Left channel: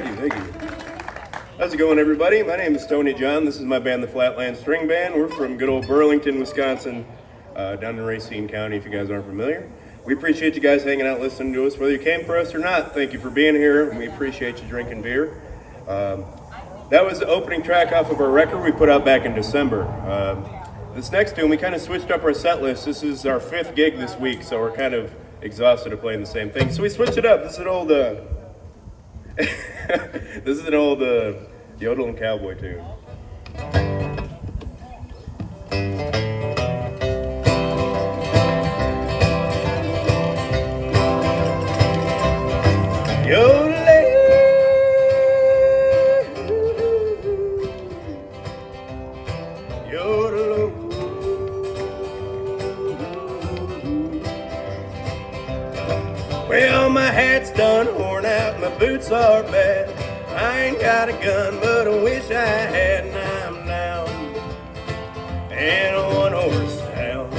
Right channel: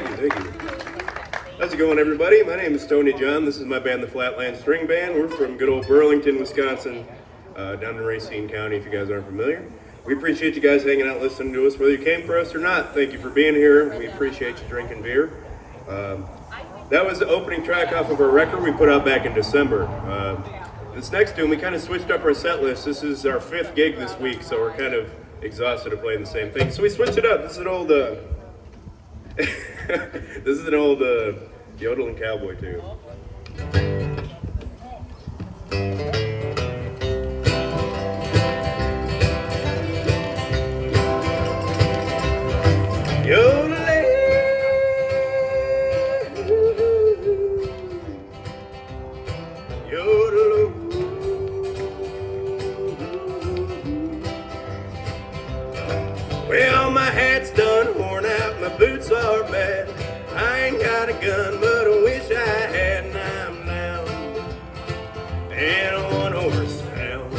Thank you. How's it going, everybody? My name is Tony John. This is my band, the Flatland Stringband. We're from good old Burlington, Wisconsin, down in Racine County, if you guys aren't familiar. We appreciate you guys hanging out, listening to us, whether you came for us or not. Thank you for being here. We appreciate you drinking beer. That was the opening track off of our record we put out back in December. This next tune, we kind of switched up our set list. This is our 5th gig this week, so we're kind of exhausted of playing the same thing. So we switched it up. This is an old, yodeling cowboy tune. Well, my hat's done worn out, my boots are bad. I ain't got a gun, but I wish I had, and I'm down and a one-horse town.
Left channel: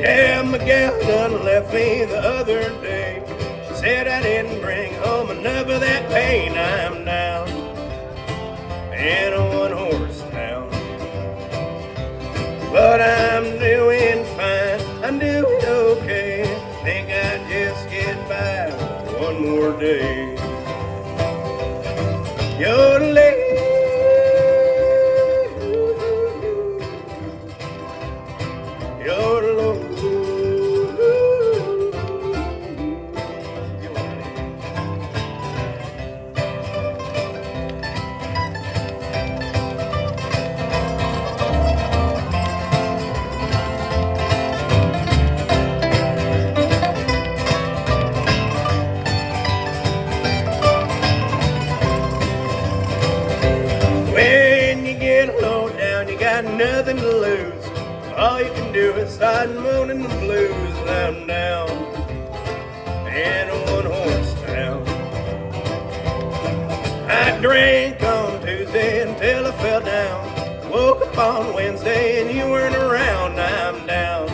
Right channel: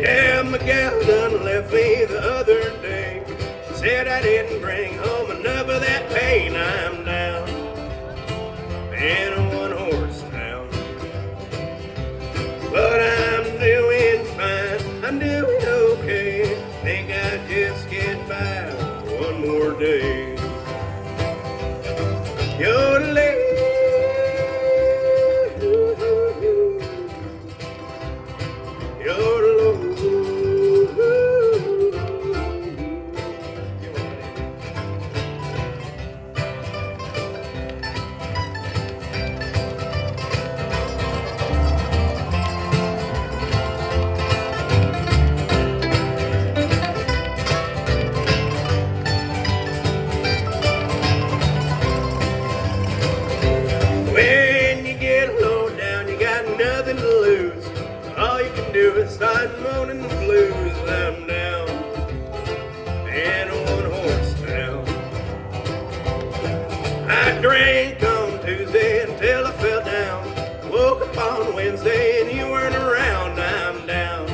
Yeah, my gal done left me the other day. She said I didn't bring home enough of that pain. I'm down and a one-horse town. But I'm doing fine, I'm doing okay. Think I'd just get by one more day. Yodeling, yodel. Nothing to lose. All you can do is start moaning the blues. I'm down and a one-horse town. I drank on Tuesday until I fell down. Woke up on Wednesday and you weren't around. I'm down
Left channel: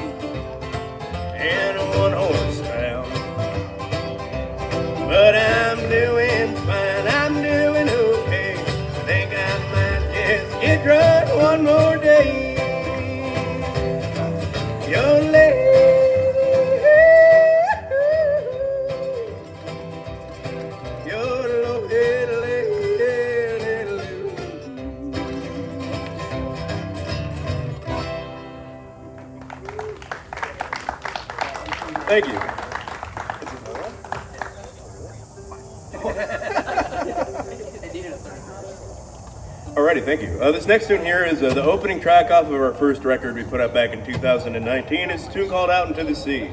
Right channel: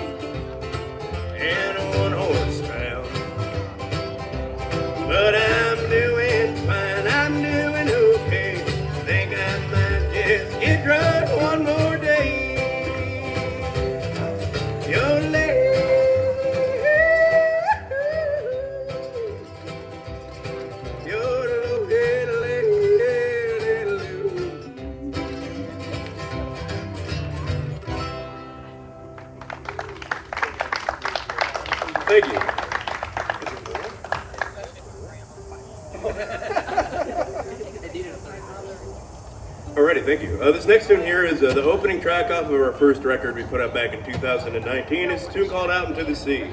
and a one-horse town. But I'm doing fine. I'm doing okay. Think I might just get drunk one more day. Thank you. Alrighty, thank you. This next tune here is the opening track off of our first record we put out back in 2019. It's a tune called Out Into the Sea.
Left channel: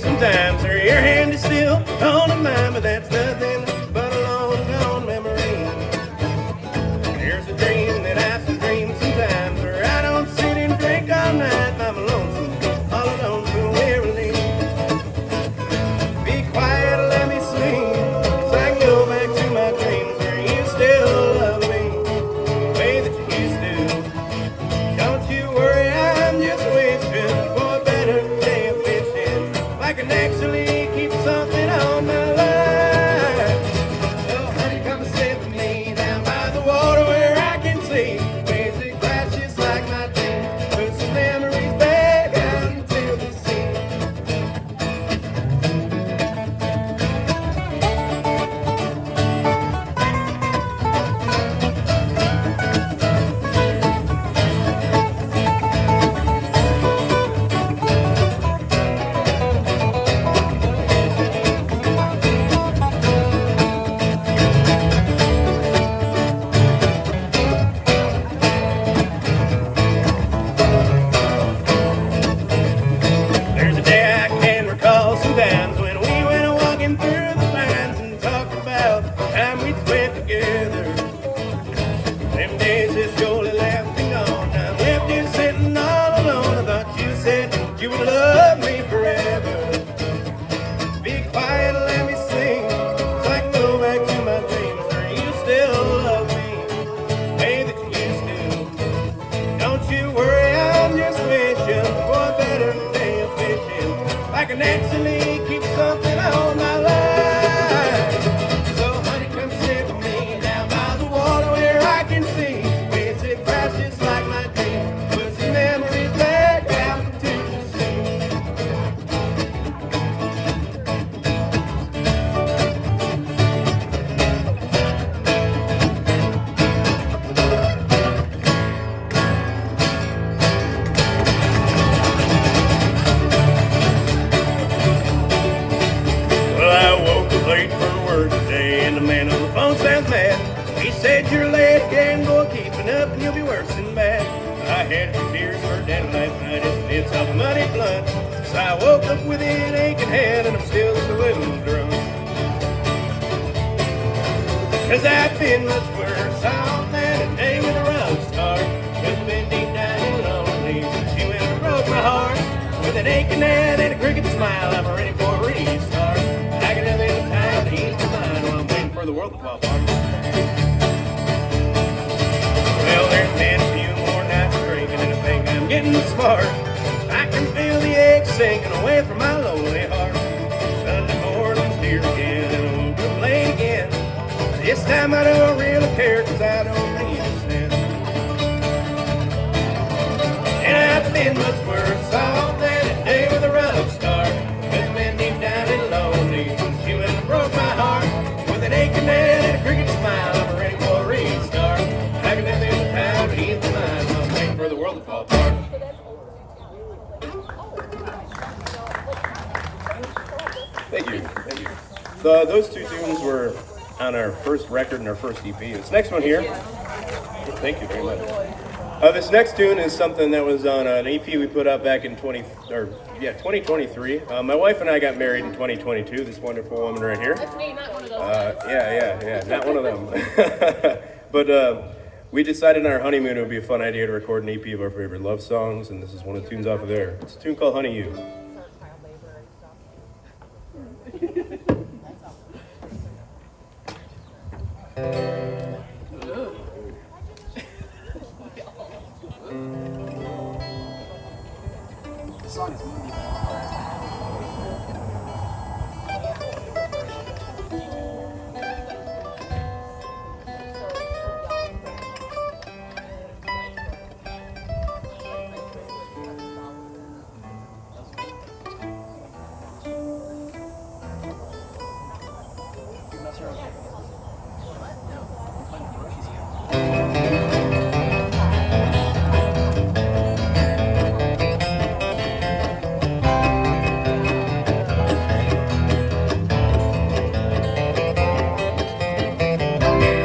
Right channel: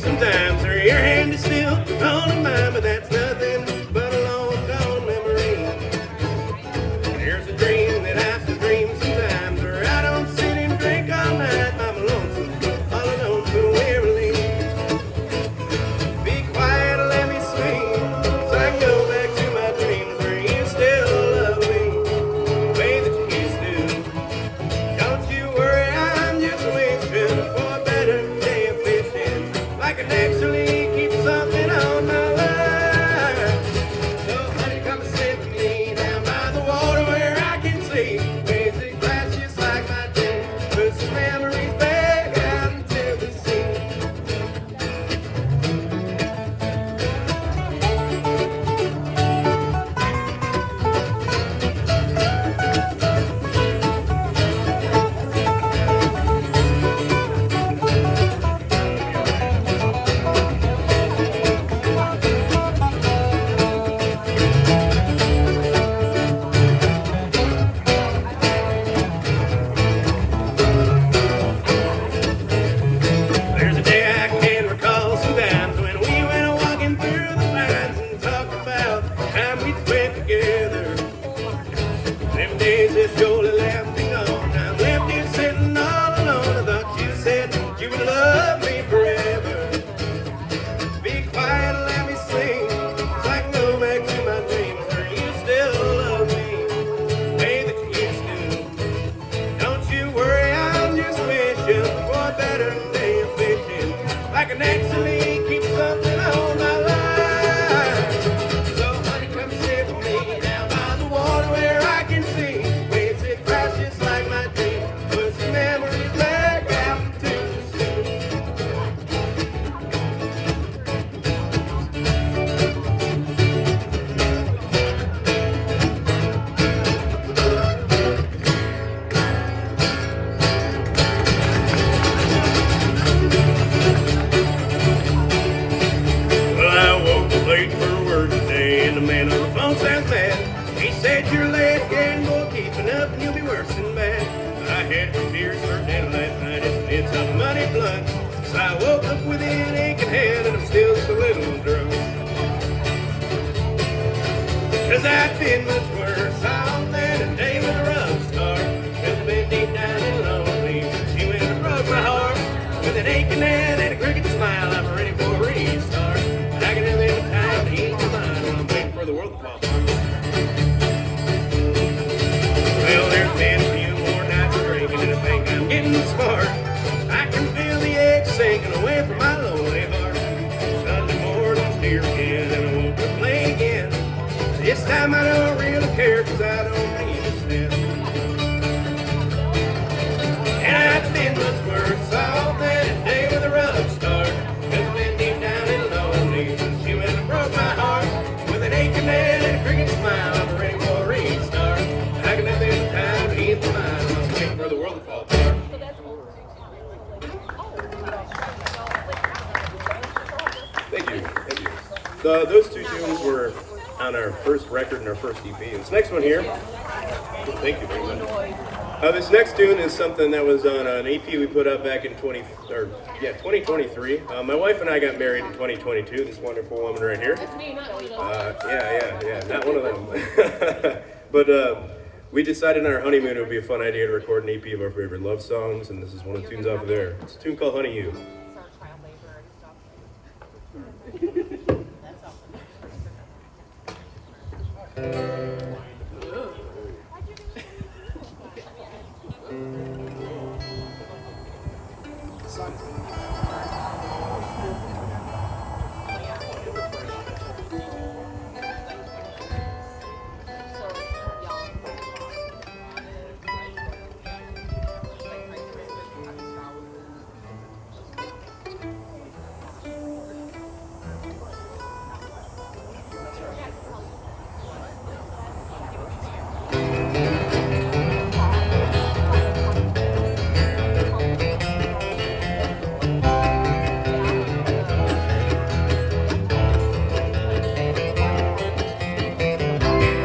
Sometimes where your hand is still on mine, but that's nothing but a long gone memory. There's a dream that I still dream sometimes where I don't sit and drink all night. I'm lonesome, all alone, so wearily. Be quiet, let me sleep, so I go back to my dreams where you still love me the way that you used to. Don't you worry, I'm just wishing for a better day of fishing. I can actually keep something on my line. So honey, come and sit with me down by the water where I can see waves that crash just like my day. Put some memories back out into the sea. woke up with an aching head and I'm still just a little drunk. 'Cause I've been much worse off than a day with a rough start. Just been deep down and lonely. She went and broke my heart. With an aching head and a crooked smile, I'm ready for a restart. I can have any time to ease my mind while I'm waiting for the world to fall apart. Well, there's been a few more nights of drinking and I think I'm getting smart. I can feel the egg sinking away from my lonely heart. Sunday morning's here again and I woke up late again. This time I don't really care 'cause I don't need a cent. And I've been much worse off than a day with a rough start. Just been deep down and lonely. She went and broke my heart. With an aching head and a crooked smile, I'm ready for a restart. I can have this time to ease my mind. I'm waiting for the world to fall apart. Thank you. Thank you. Those two tunes were on our first record and our first EP. This next one here, thank you very much. This next tune is something that was on an EP we put out back in 2023. My wife and I got married in 2022. This wonderful woman right here. That's me, not one of those. Yeah, not one of them. But we decided on our honeymoon it would be a fun idea to record an EP of our favorite love songs, and this is one of the tunes off of there. It's a tune called Honey You. The song is moving.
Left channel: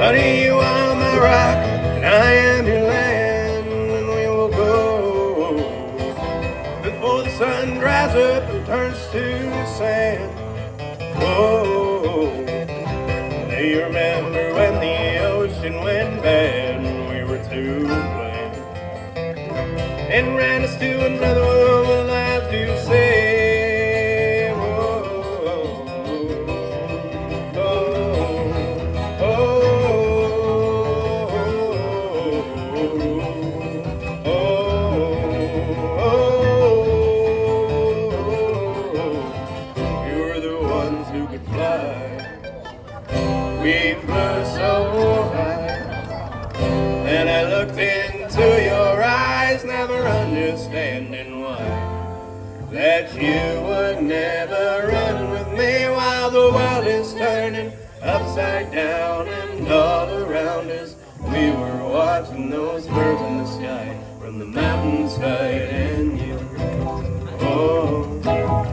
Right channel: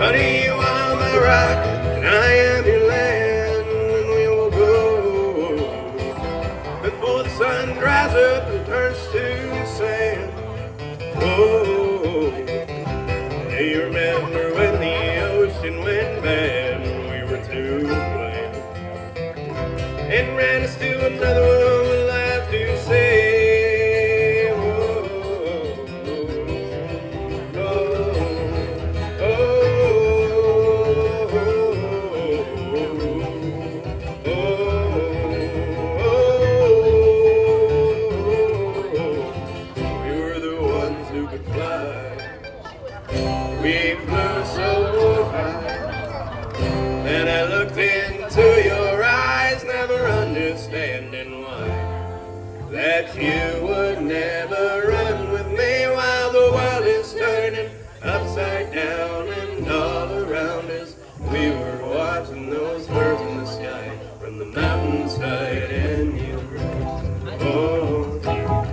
Honey, you are my rock, and I am your land, and we will go before the sun dries up and turns to sand. Oh, do you remember when the ocean went bad and we were to blame and ran us to another world, and I have to say, and I looked into your eyes, never understanding why that you would never run with me while the world is turning upside down and all around us. We were watching those birds in the sky from the mountainside, and you oh, oh,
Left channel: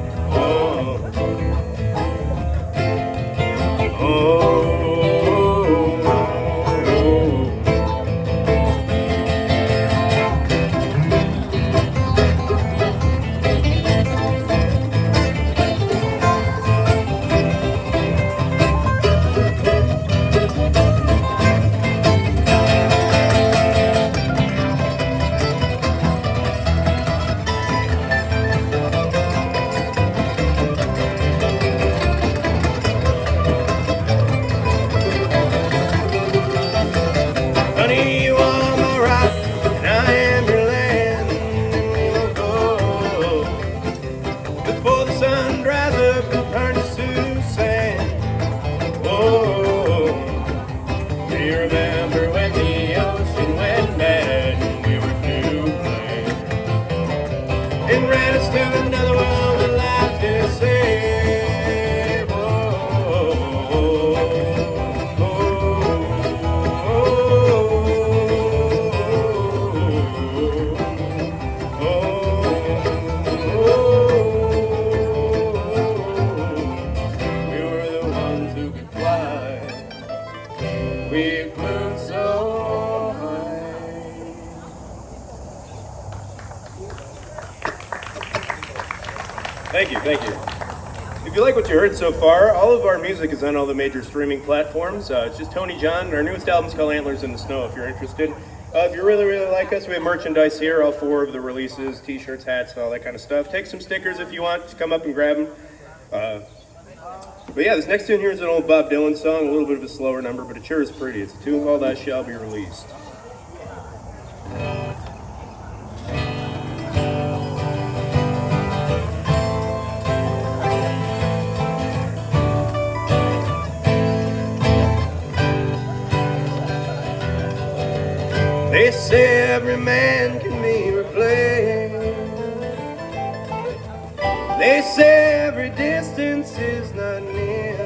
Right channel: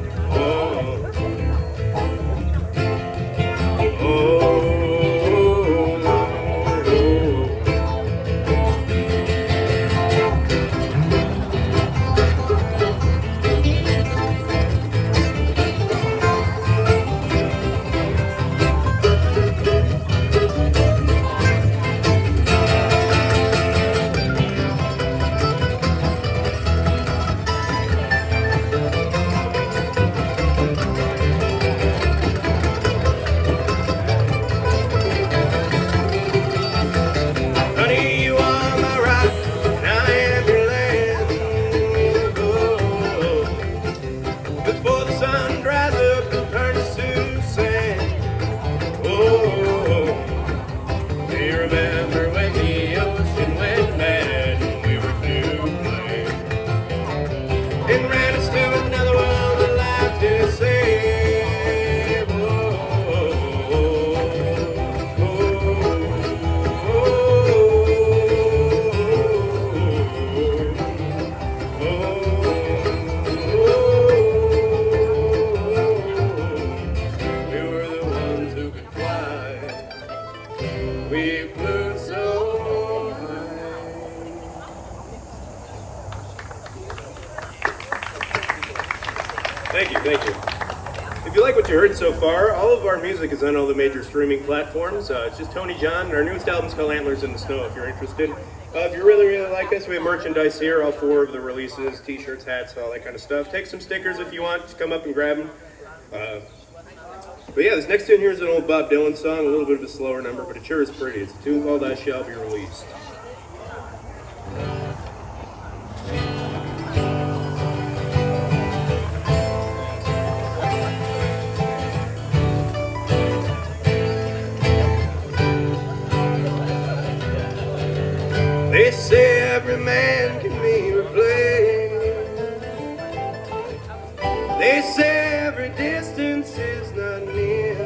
Thank you, thank you. If you like what you heard so far, all of our music is on all the major streaming platforms. It's just Tony John. Our newest album's called Antlers in the Snow, if you're interested. If you really, really like us, we have merchandise here, all 4 of the releases, t-shirts, hats, all that kind of stuff. Take some stickers if you want, just come up and grab them. But yeah, this next tune here is an old Bob Dylan song, a little bit of a slower number, but it sure is pretty. It's a tune called I Shall Be Released. They say every man can be replaced. They say every distance is not near.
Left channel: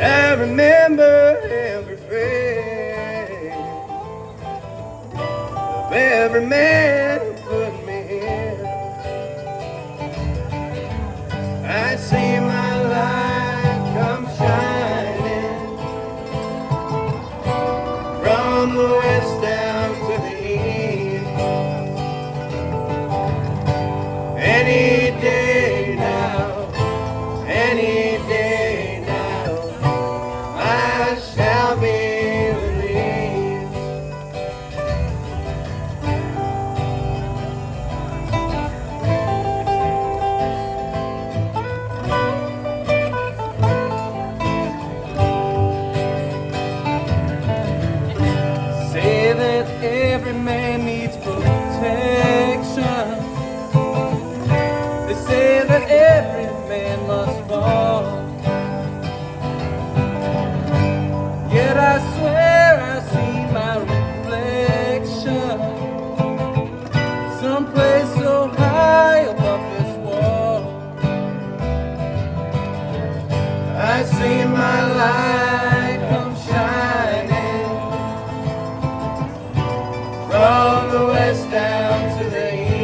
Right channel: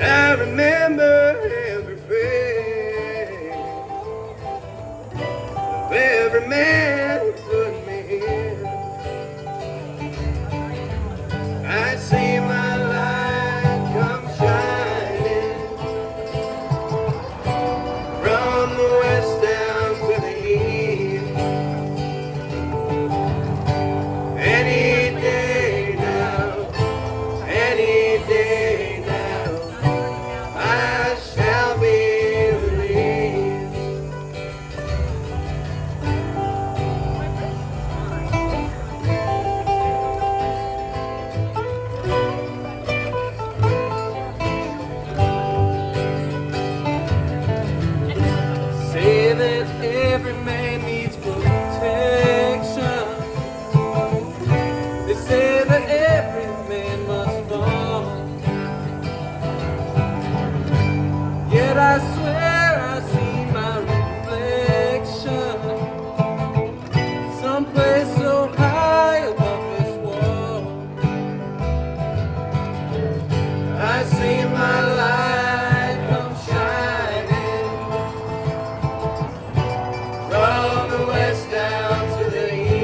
I remember every face of every man who put me here. I see my light come shining from the west down to the east. Any day now, any day now, I shall be released. Say that every man needs protection. They say that every man must fall. Yet I swear I see my reflection someplace so high above this wall. I see my light come shining from the west down to the east.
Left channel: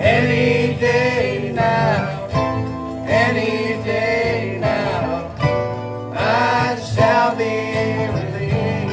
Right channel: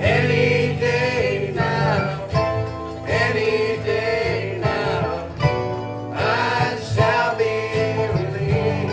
Any day now, any day now, I shall be released.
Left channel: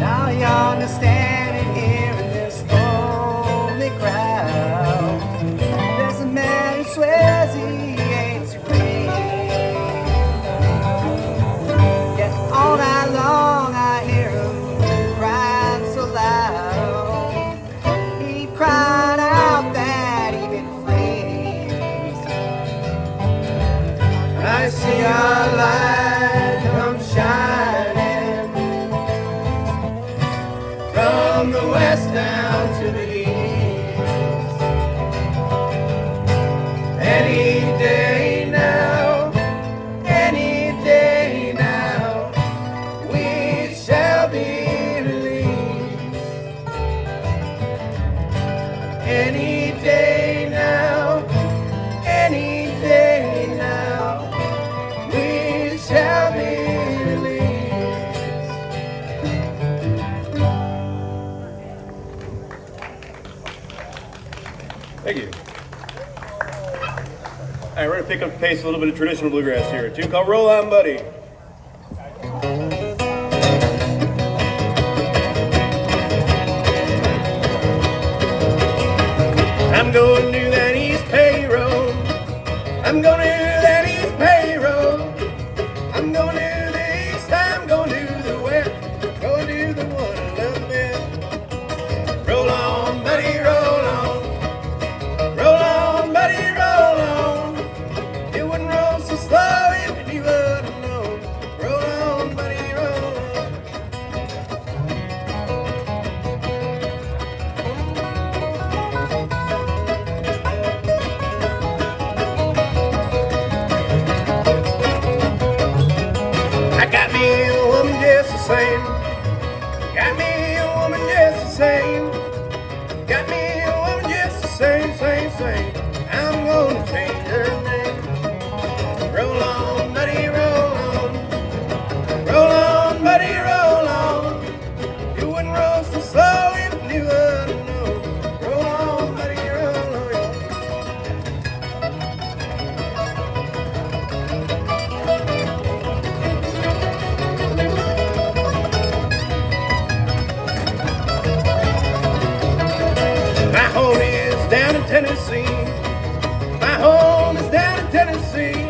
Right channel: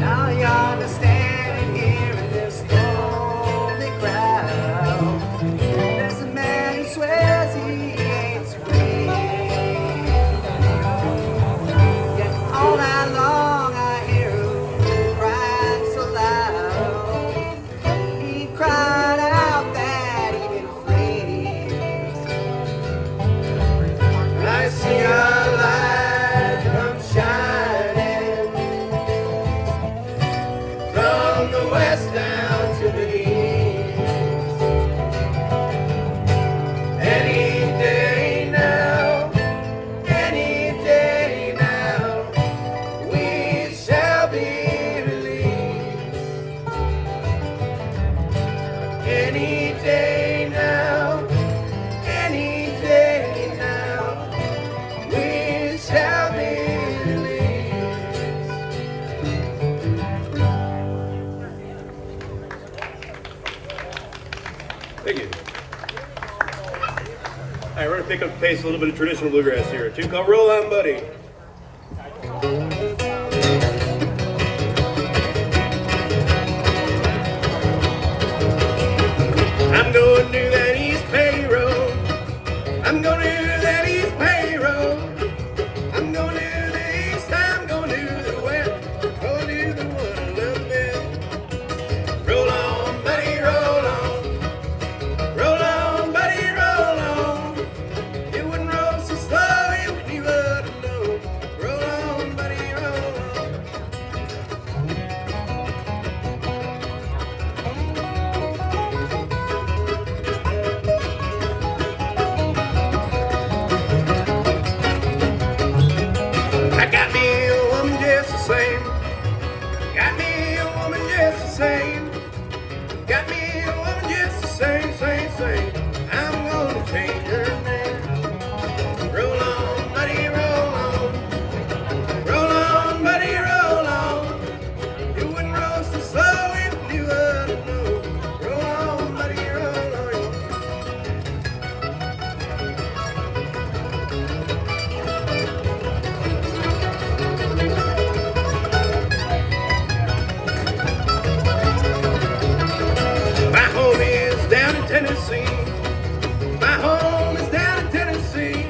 Now you understand here in this lonely crowd, there's a man who swears he hates me. Yet all night long I hear him crying so loud. He cried out that he'd been freed. I see our light come shining from the west down to the east. Any day now, any day now, we shall be released. Any day now, any day now, we shall be released. Thank you. All right, we're gonna pick up the pace, a little bit of traditional bluegrass here. A tune called Roll On, Buddy. I'm gonna do that East Pay Road. I'm gonna do that East Pay Road. I'm gonna do the East, I'm gonna do the West. Gonna do the one I love best. Roll on, buddy, roll on. Roll on, buddy, roll on. You wouldn't roll so slow if you knew what I know. Tennessee. My home is down in Tennessee.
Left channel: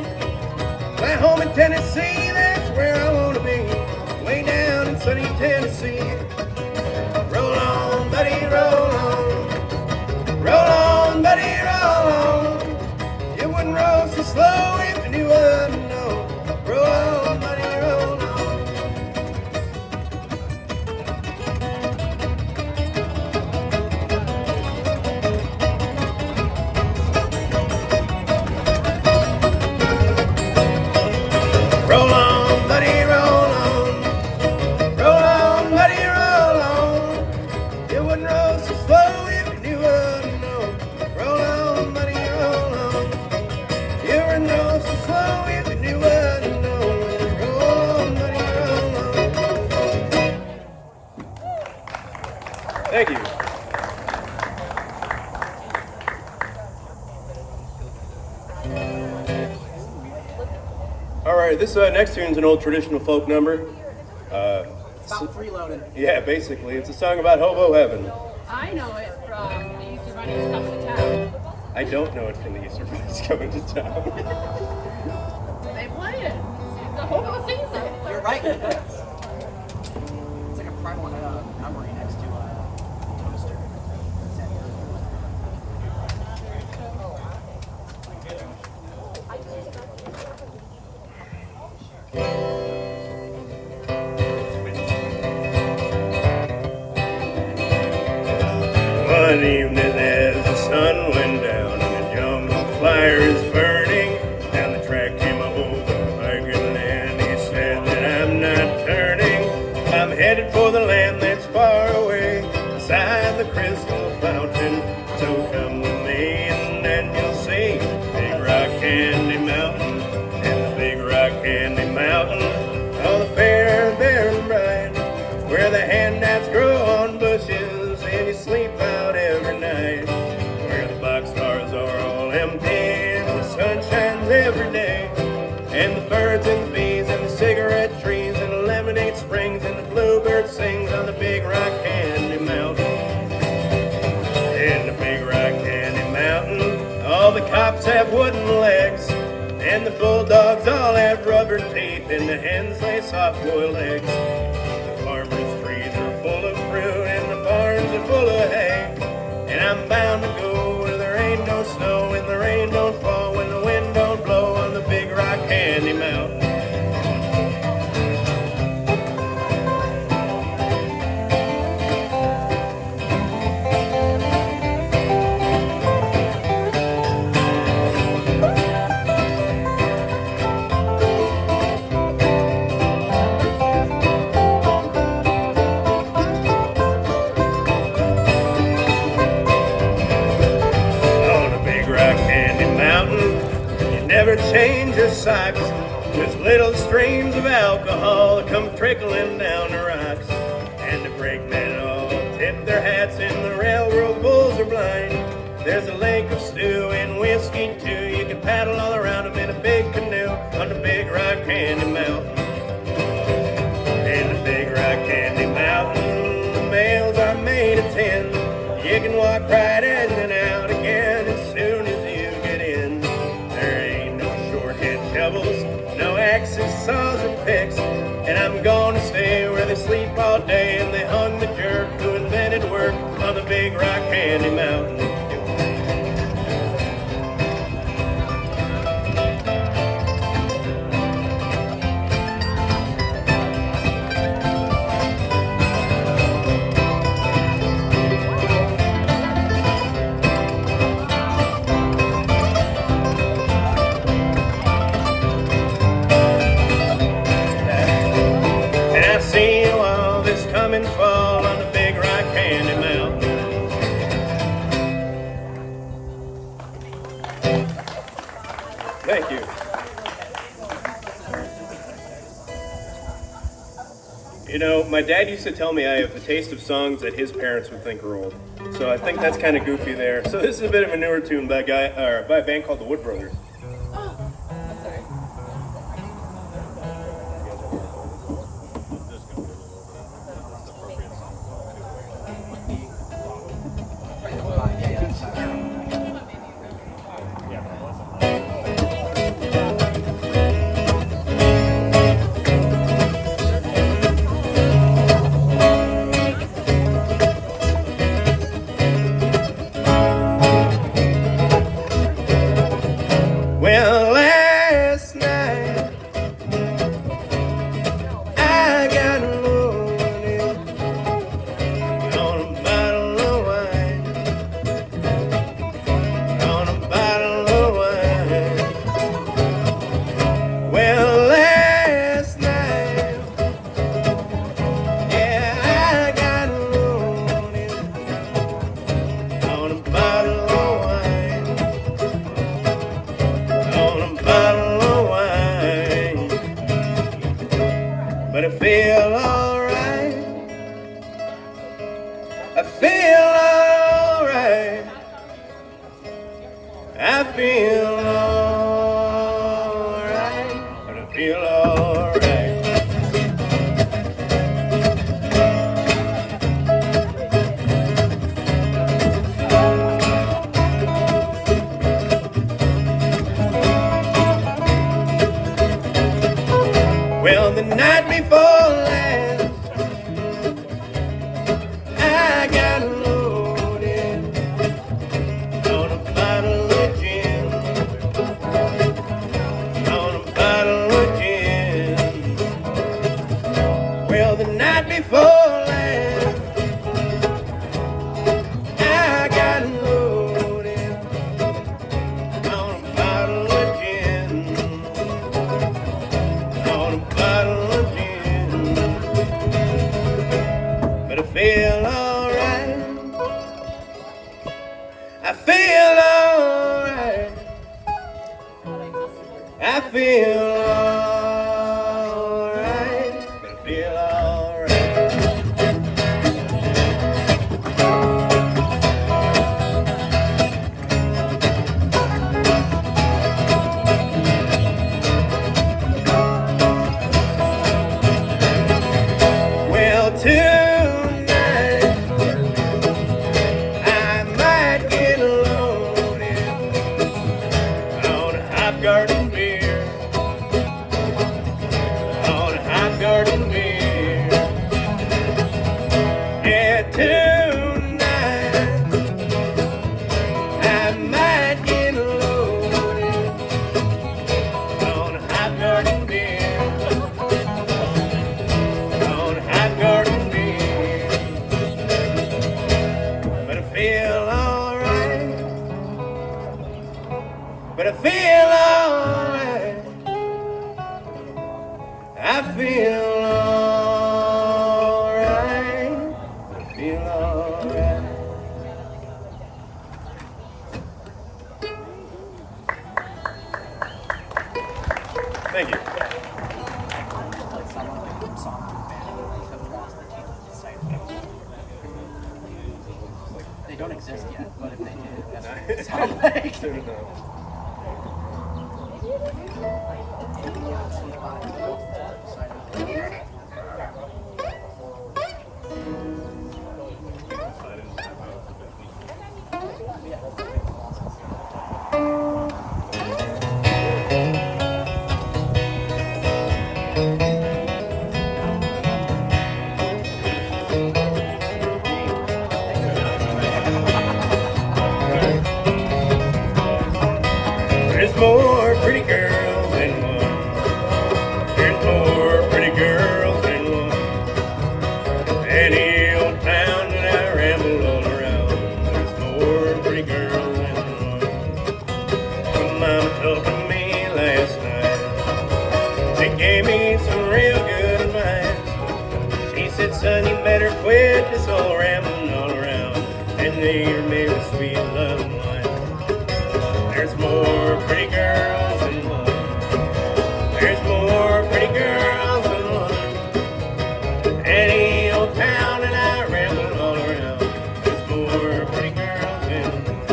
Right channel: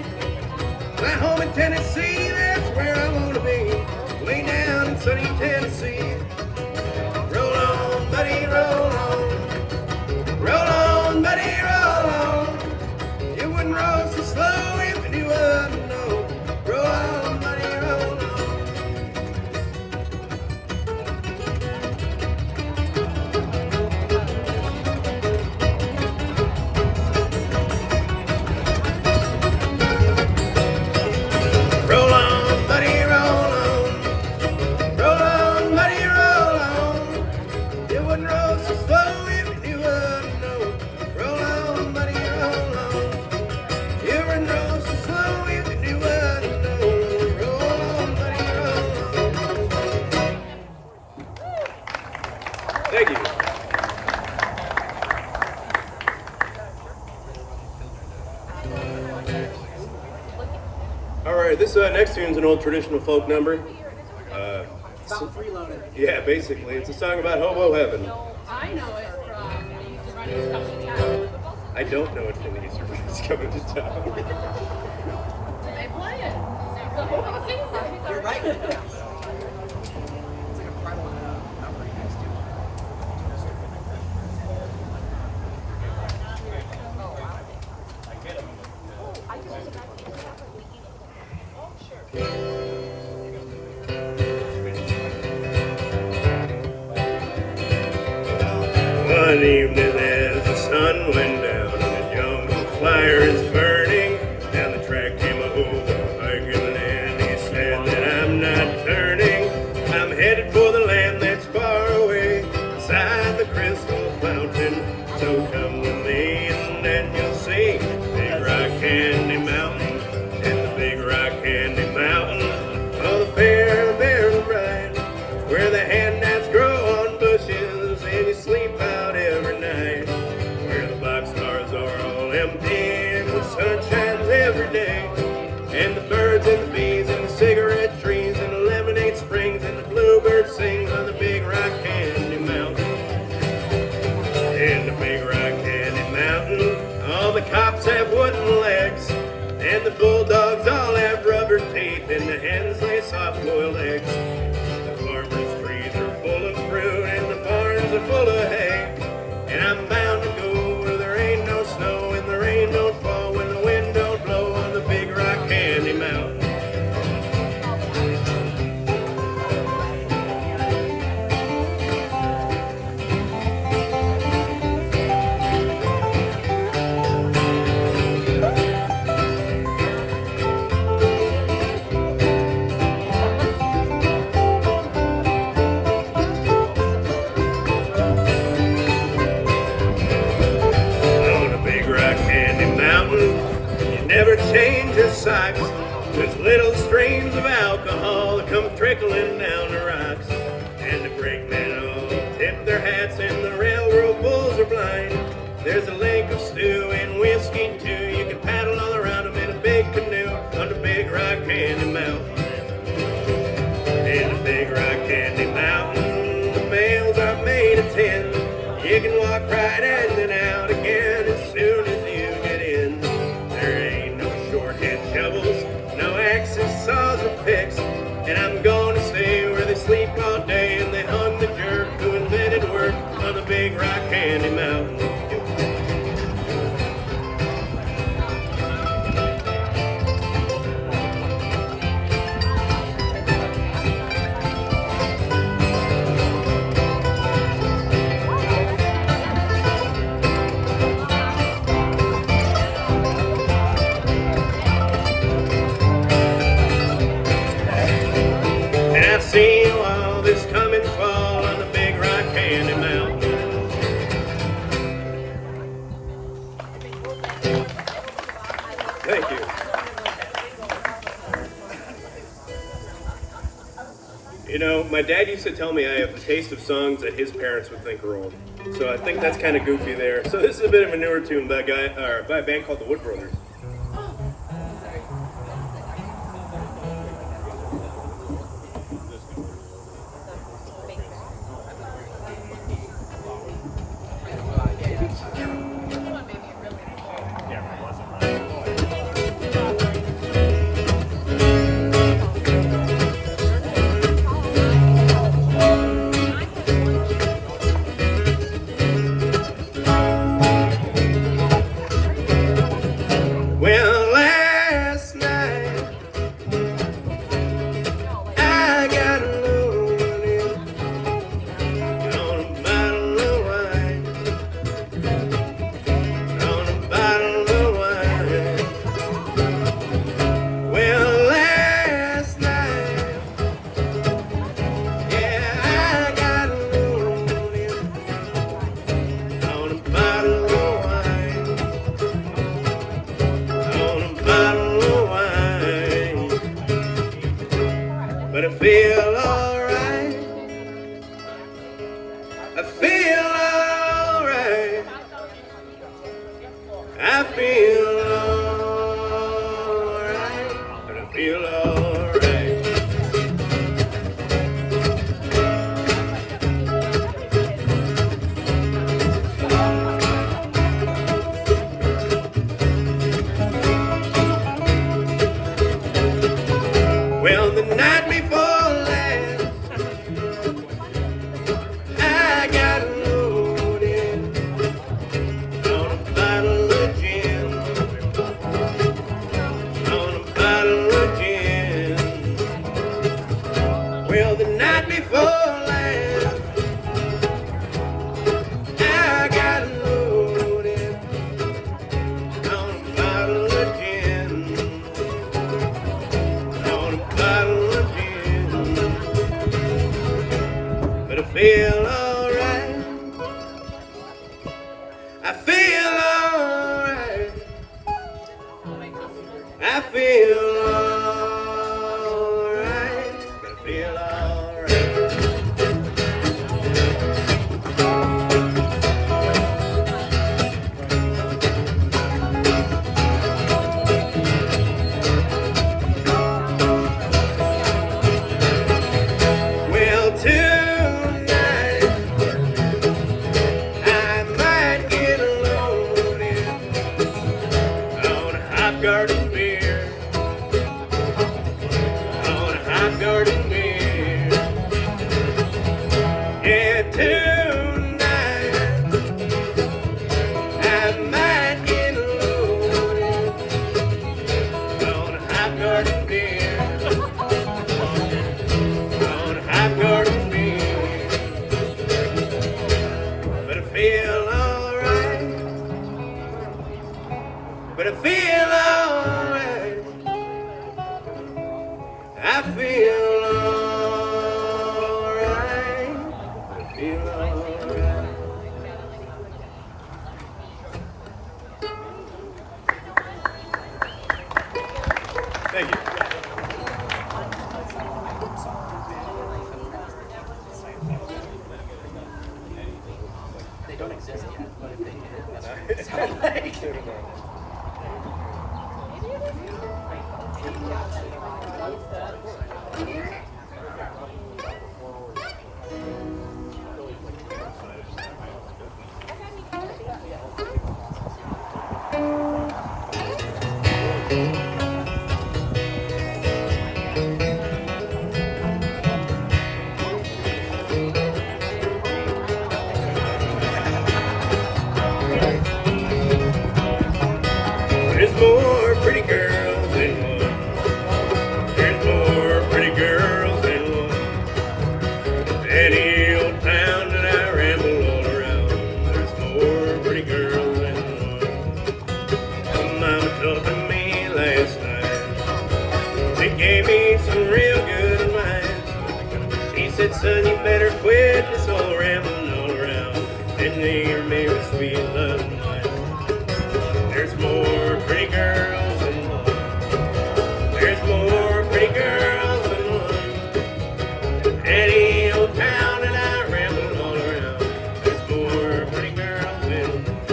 My home in Tennessee, that's where I want to be. Way down in sunny Tennessee. Roll on, buddy, roll on. Roll on, buddy, roll on. You wouldn't roll so slow if you knew what to know. Roll on, buddy, roll on. Roll on, buddy, roll on. Roll on, buddy, roll on. You wouldn't roll so slow if you knew what to know. Roll on, buddy, roll on. You wouldn't roll so slow if you knew what to know. Roll on, buddy, roll on. Thank you. All right, this next tune's an old traditional folk number. About freeloading. Yeah, basically, it's a song about hobo heaven. I know it from the Easter Bunny's Coming to Town. I don't know it from the Easter Bunny's Coming to Town. They play it. The hobo sings it. You're right. It's like a primal memory next to toaster. One evening as the sun went down and the jungle fire is burning, and the track came over hiking, and he said that I'm not turning. I'm headed for the land that's far away, beside the crystal fountain. So come with me and then you'll see Big Rock Candy Mountain, and the Big Rock Candy Mountain, all the fair and bright, where the handouts grow on bushes and you sleep out every night, where the boxcars are all empty and the sun shines every day, and the birds and the bees and the cigarette trees and the lemonade springs and the bluebird sings on the Big Rock Candy Mountain. In the Big Rock Candy Mountain, all the cops have wooden legs, and the bulldogs all have rubber teeth, and the hens lay soft-boiled eggs. The farmers' trees are full of fruit, and the barns are full of hay. And I'm bound to go where there ain't no snow, and the rain don't fall, when the wind don't blow on the Big Rock Candy Mountain. Never change your socks. There's little streams of alcohol that come trickling down the rocks, and the brakemen all tip their hats, and the railroad bulls are blind. There's a lake of stew and whiskey too. You can paddle all around them in a big canoe on the Big Rock Candy Mountain. In the Big Rock Candy Mountain, the mails are made of tin. You can walk right in and out again as soon as you get in. There ain't no short-head shovels, no axes, saws, or picks, and I'm gonna stay where they sleep all day and they hung the jerk who invented work on the Big Rock Candy Mountain. See all this coming fall on the Big Rock Candy Mountain. Thank you. You know, my dad used to tell me I have the taste of songs that his parents would think are old. So I think that's kind of goofy there. So this is a bit of a newer tune by a band called the Wood Brothers. I feel alright, and I feel alright. Well, the night before last, I got loaded on a bottle of gin, on a bottle of gin. Well, the night before last, I got loaded on a bottle of gin, on a bottle of gin. But I feel alright. I feel alright. I feel alright. But I feel alright. Well, tonight I might get loaded on a hot garden beer, on a hot garden beer. Yeah, tonight I might get loaded on a hot garden beer, on a hot garden beer. But I feel alright. But I feel alright. I feel alright. But I feel alright. Thank you. They don't exist yet, but if they did, that's what it sounds like. There's more pretty girls than one. There's more pretty girls than one. Any old town that I ramble all around. There's more pretty girls than one. My mama told me last night. She gave me some real good advice. She said, son, you better quit this old rambling all around and leave me with sweet love and life. There's more pretty girls than one. There's more pretty girls than one. Any old town that I ramble all around. There's more pretty girls than one.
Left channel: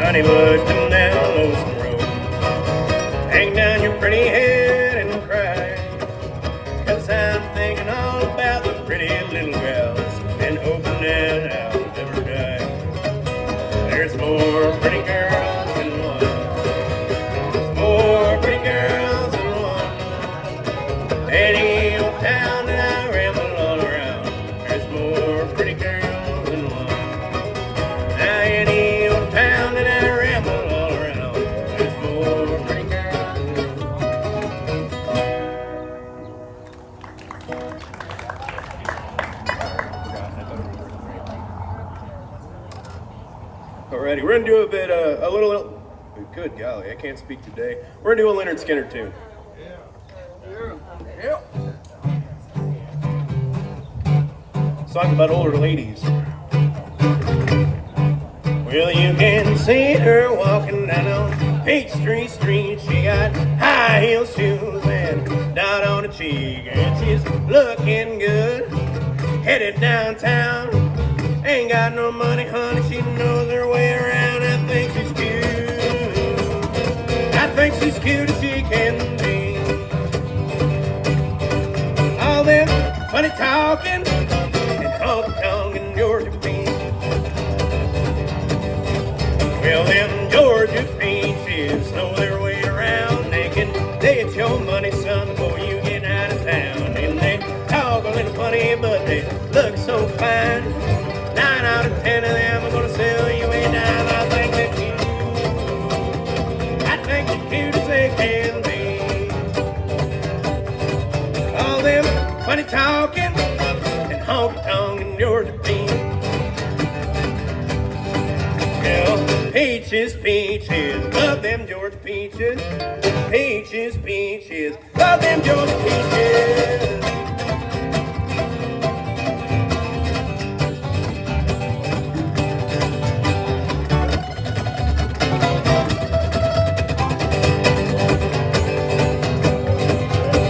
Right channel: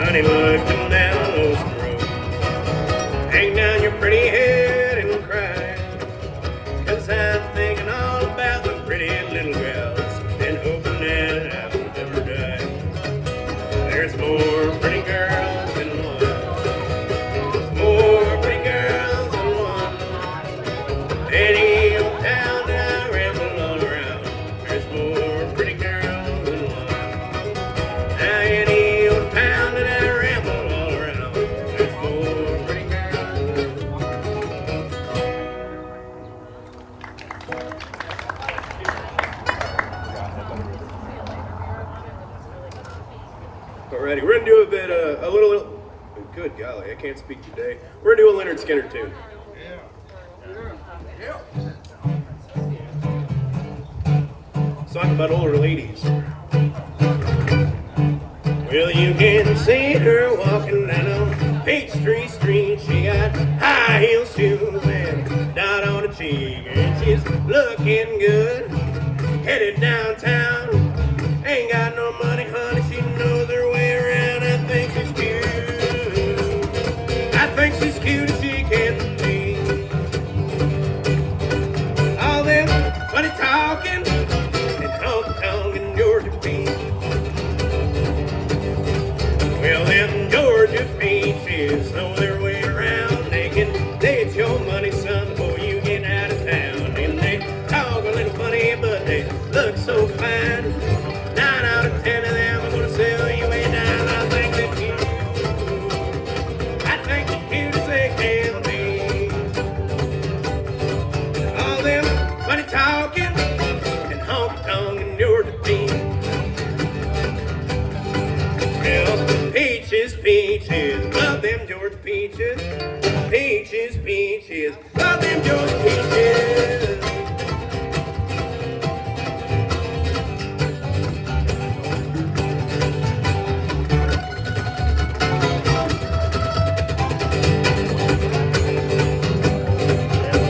Honeywood, come down Lonesome Road. Hang down your pretty head and cry. 'Cause I'm thinking all about the pretty little gals and hoping that I'll never die. There's more pretty girls than one. There's more pretty girls than one. Any old town that I ramble all around. There's more pretty girls than one. Any old town that I ramble all around. There's more pretty girls than one. Alrighty, we're gonna do a bit, a little. Good golly, I can't speak today. We're gonna do a Leonard Skinner tune. Song about older ladies. Well, you can see her walking down looking good, headed downtown. Ain't got no money, honey, she knows her way around. I think she's cute. I think she's cute as she can be. All them funny talking and honky-tonk and Georgia Beach. Well, them Georgia peaches know their way around. They can get your money, son, before you get out of town. And they talk a little funny, but they look so fine. 9 out of 10 of them are gonna sell you a dime. I think they're cute. I think they're cute as they can be. All them funny talking and honky-tonk and Georgia Beach. Well, peaches, peaches, love them Georgia peaches. Peaches, peaches, love them Georgia peaches.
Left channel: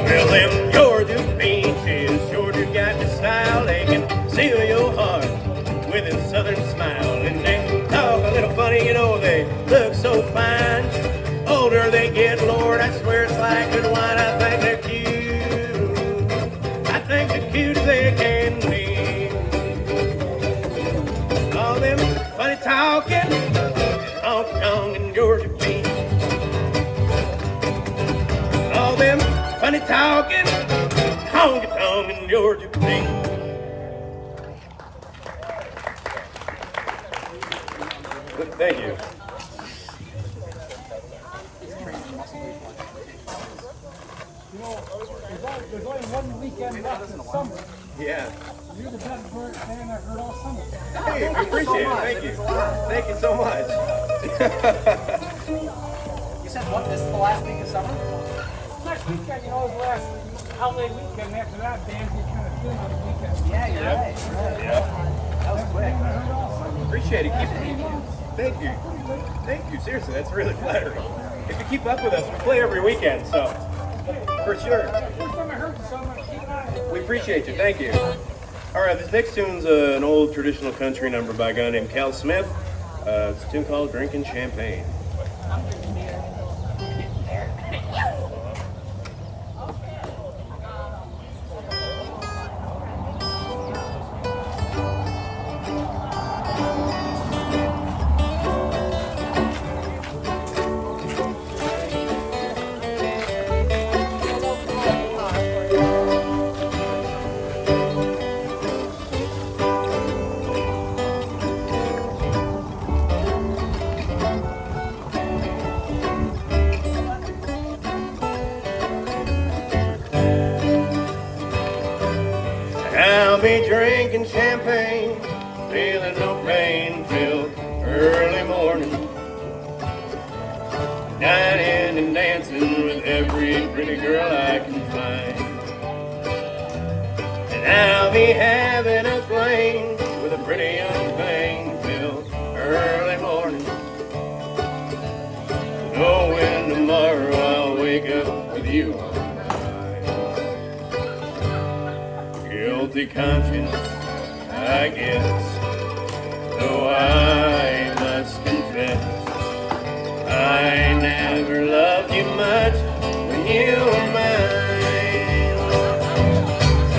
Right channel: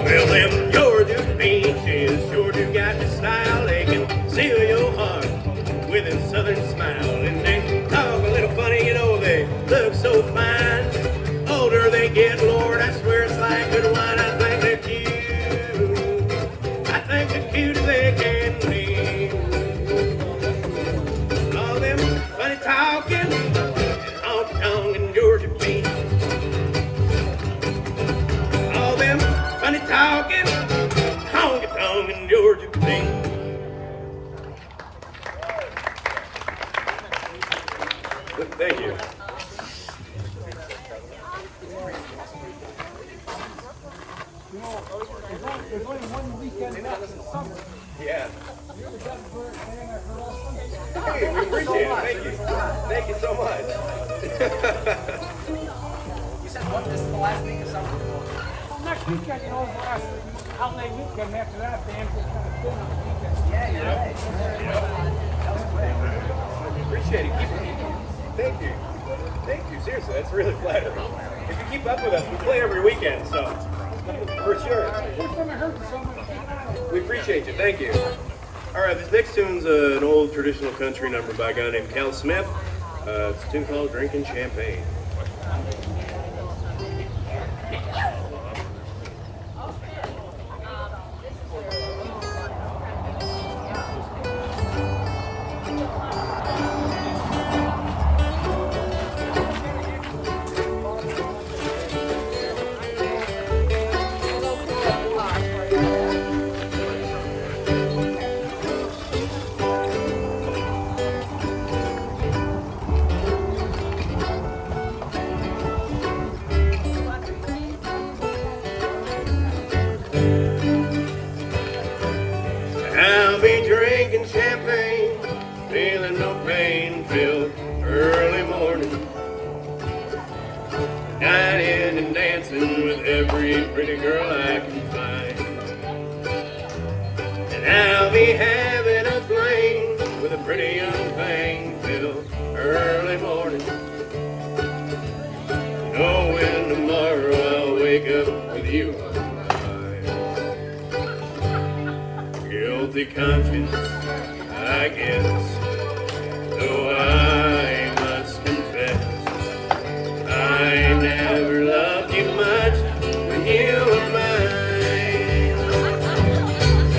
Well, them Georgia peaches, Georgia got the style. They can seal your heart with a southern smile. And they talk a little funny, you know, they look so fine. Older they get, Lord, I swear it's like good wine. I think they're cute. I think they're cute as they can be. All them funny talking and honky-tonk and Georgia Beach. All them funny talking, honky-tonk and Georgia Beach. Thank you. There's only one weekend left in the summer. Yeah. You're the best bird fan I've heard all summer. Hey, we appreciate it. Thank you. Thank you so much. You said what? This is the last week of summer? Next weekend, you know, last LA weekend, after that, bands will kind of thin on the weekend. Yeah, you're right. Yeah. That was quick. I heard all summer. Appreciate it. Thank you. Thank you. Seriously, that's really flattering. If you keep up with us, we play every weekend, so for sure. First time I heard the summer, We appreciate you. Thank you. All right, this next tune's an old traditional country number by a guy named Cal Smith. It's a tune called Drinking Champagne. I'll be drinking champagne, feeling no pain till early morning. Dining and dancing with every pretty girl I can find. And I'll be having a fling with a pretty young thing till early morning. Knowing tomorrow I'll wake up with you on my mind. Guilty conscience, I guess, though I must confess, I never loved you much when you were mine.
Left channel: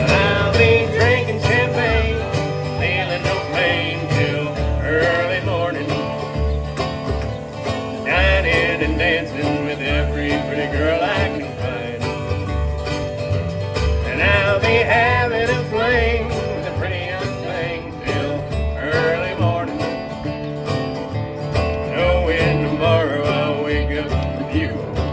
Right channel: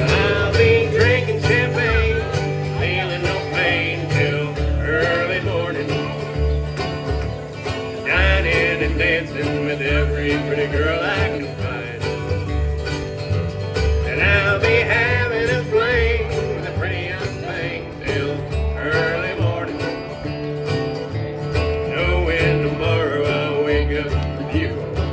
I'll be drinking champagne, feeling no pain till early morning. Dining and dancing with every pretty girl I can find. And I'll be having a fling with a pretty young thing till early morning. Knowing tomorrow I'll wake up with you on my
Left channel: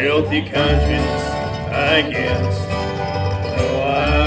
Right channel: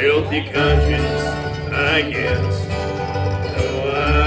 Guilty conscience, I guess, though I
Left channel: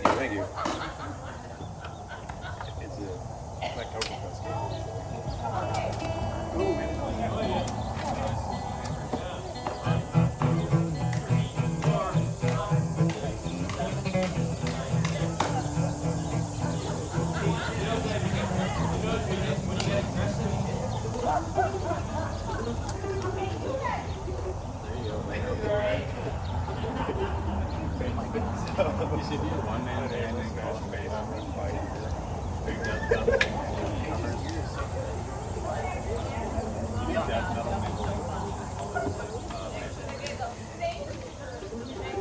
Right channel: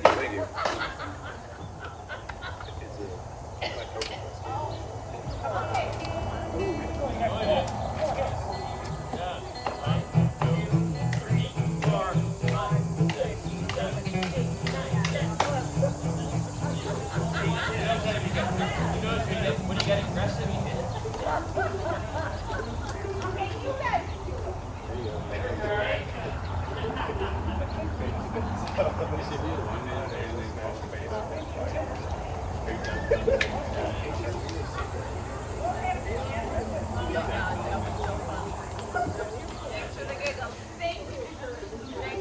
Thank you, thank you. It's my token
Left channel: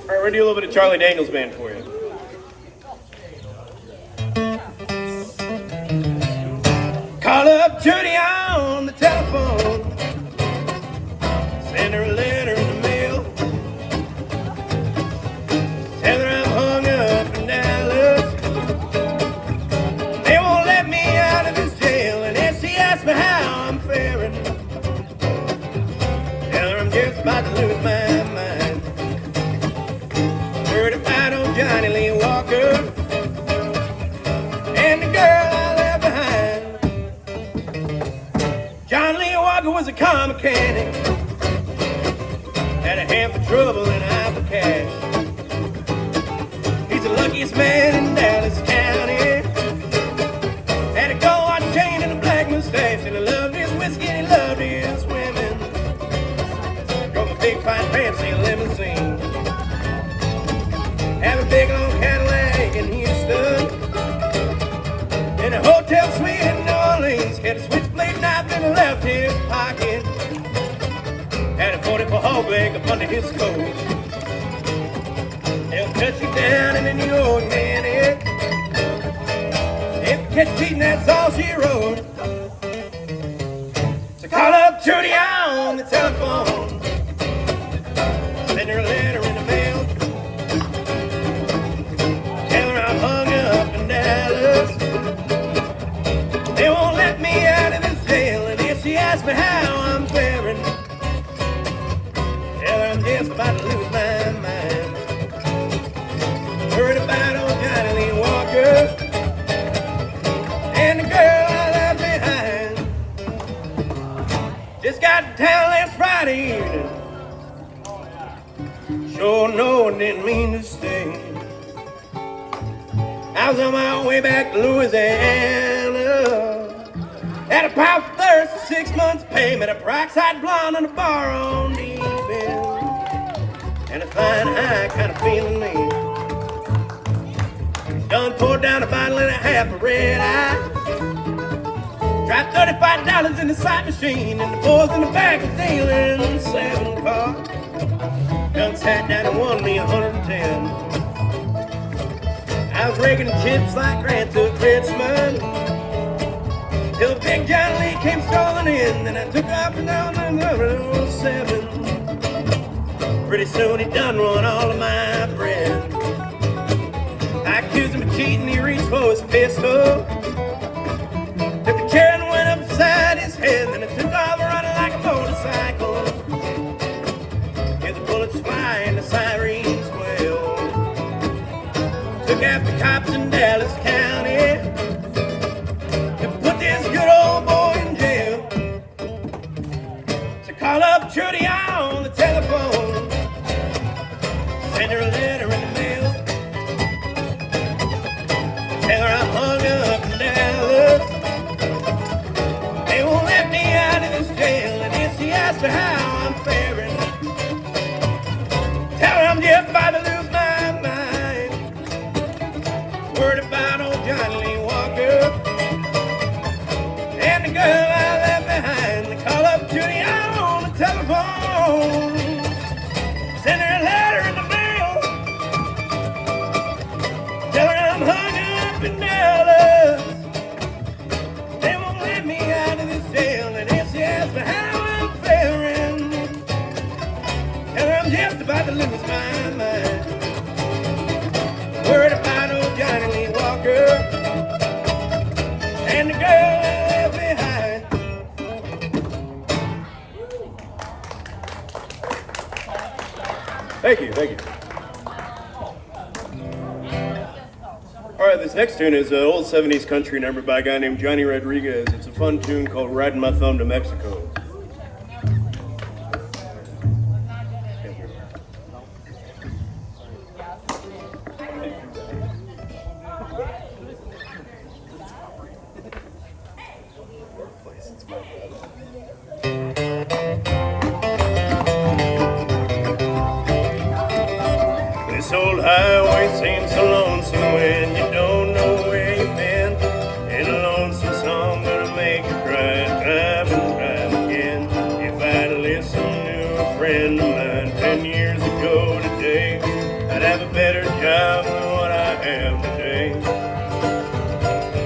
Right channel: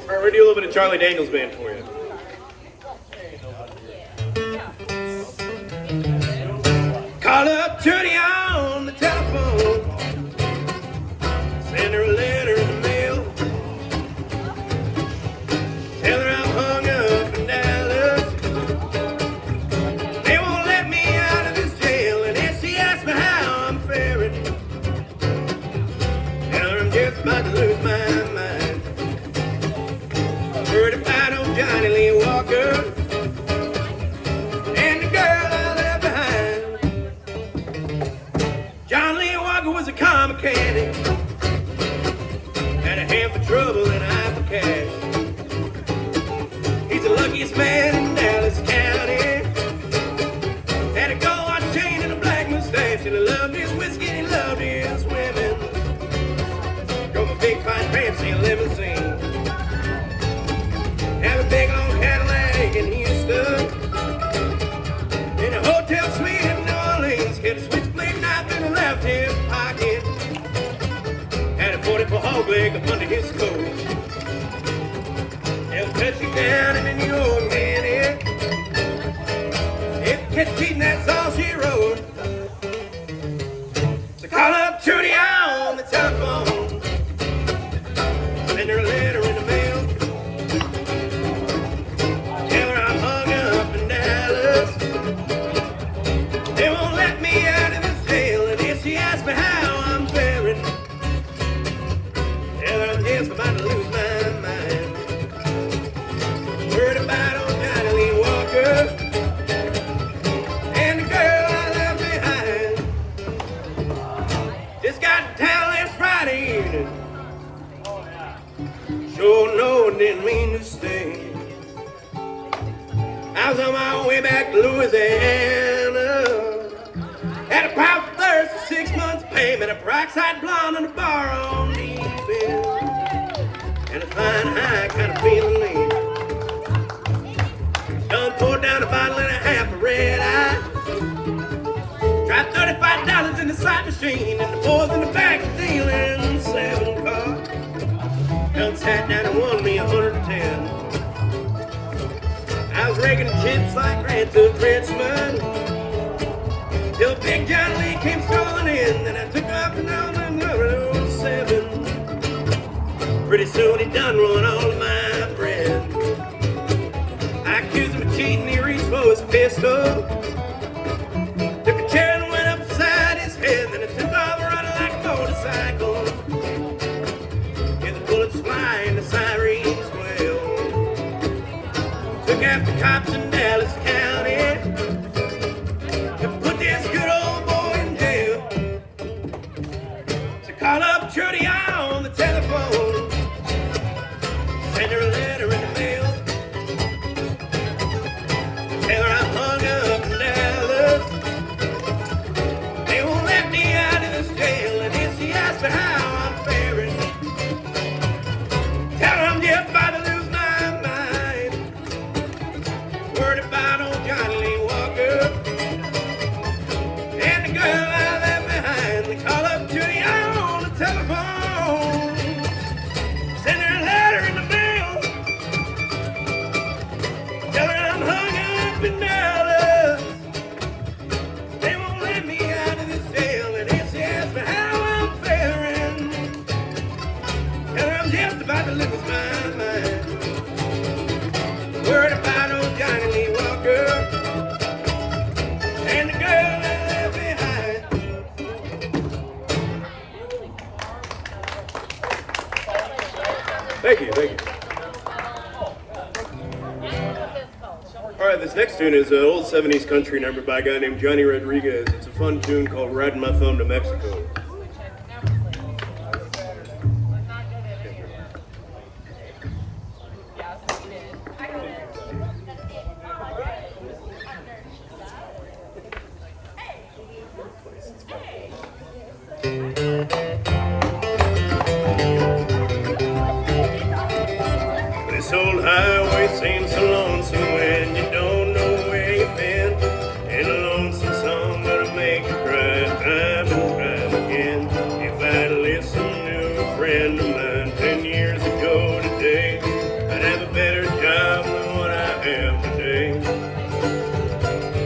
All right, we're gonna do a little bit of Charlie Daniels Band for you. Call up Judy on the telephone, send her a letter in the mail, tell her I'm hung up in Dallas. They won't let me out of this jail, and then she asks me how I'm faring. Tell her I'm just about to lose my mind. Heard about old Johnny Lee Walker and the girl I left behind. John Lee Walker was a car mechanic, had a hand for trouble and an eye for cash. He's the luckiest man in Dallas County. Had a gold chain and a black mustache, and he loved his whiskey and he loved his women. Drove a big fine fancy limousine, have a big long Cadillac in Houston, in a hotel suite in New Orleans. Had a switchblade knife in the left hip pocket, had a 44 hog leg up under his coat. He'll cut you down in a New York minute. If you catch cheating, that's all she wrote. So call up Trudy on the telephone, send her a letter in the mail, tell her I'm hung up in Dallas. They won't let me out of this jail, and if she asks me how I'm faring, tell her I'm just about to lose my mind. Heard about old Johnny Lee Walker and the girl I left behind. Just got to town last Friday evening. Sure no, it didn't mean to stay. I was on my way back to Louisiana. Had a pipe of thirst for 6 months' pay. Met a peroxide blonde on a bar on the east end, and a fine high kind of feeling me. Done poured down a bottle and a half of red eye. Dropped $35 in the slot machine, and the boys in the back are dealing 7 cards. Done sat down and won me 110. I was raking chips like Grant took Richmond, till Big John Lee came strolling in. Then I took off and down my 07. Pretty soon he done run all of my bread. I accused him of cheating, he reached for his pistol, took a chair and went upside his head. Then I took off running like a motorcycle. Hear the bullets fly and the sirens wail. Took out the cops in Dallas County and put this good old boy in jail. So call up Trudy on the telephone, send her a letter in the mail, tell her I'm hung up in Dallas. They won't let me out of this jail, and if she asks me how I'm faring, tell her I'm just about to lose my mind. Word about old Johnny Lee Walker and the girl I left behind. They call up Judy on the telephone, send her a letter in the mail, tell her I'm hung up in Dallas. They won't let me out of this jail, and if she asks me how I'm faring, tell her I'm just about to lose my mind. Word about old Johnny Lee Walker and the girl I left behind. Thank you, thank you. right, this next tune is an old 70s country number by a guy named Johnny Rodriguez. It's a fun tune called Riding My Thumb to Mexico. This old highway seems so lonesome when you don't know where you've been. And a lonesome song that'll make you cry time and time again. If I'd listened to a friend of mine 10 years ago today, I'd have a better job than what I have today.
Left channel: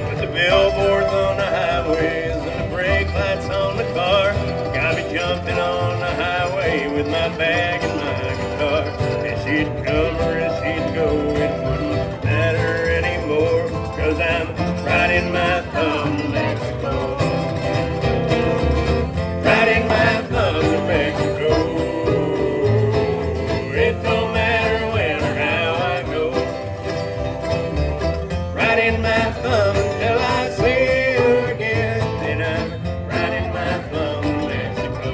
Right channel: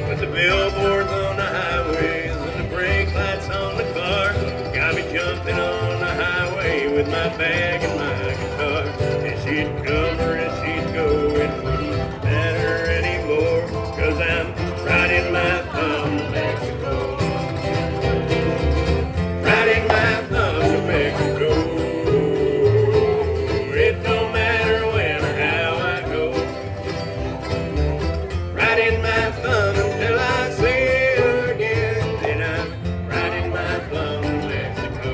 But the billboards on the highways and the brake lights on the car got me jumping on the highway with my bag and my guitar. And she'd come or and she'd go, it wouldn't matter anymore, 'cause I'm riding my thumb to Mexico. Riding my thumb to Mexico. It don't matter when or how I go. Riding my thumb until I see her again. And I'm riding my thumb to Mexico.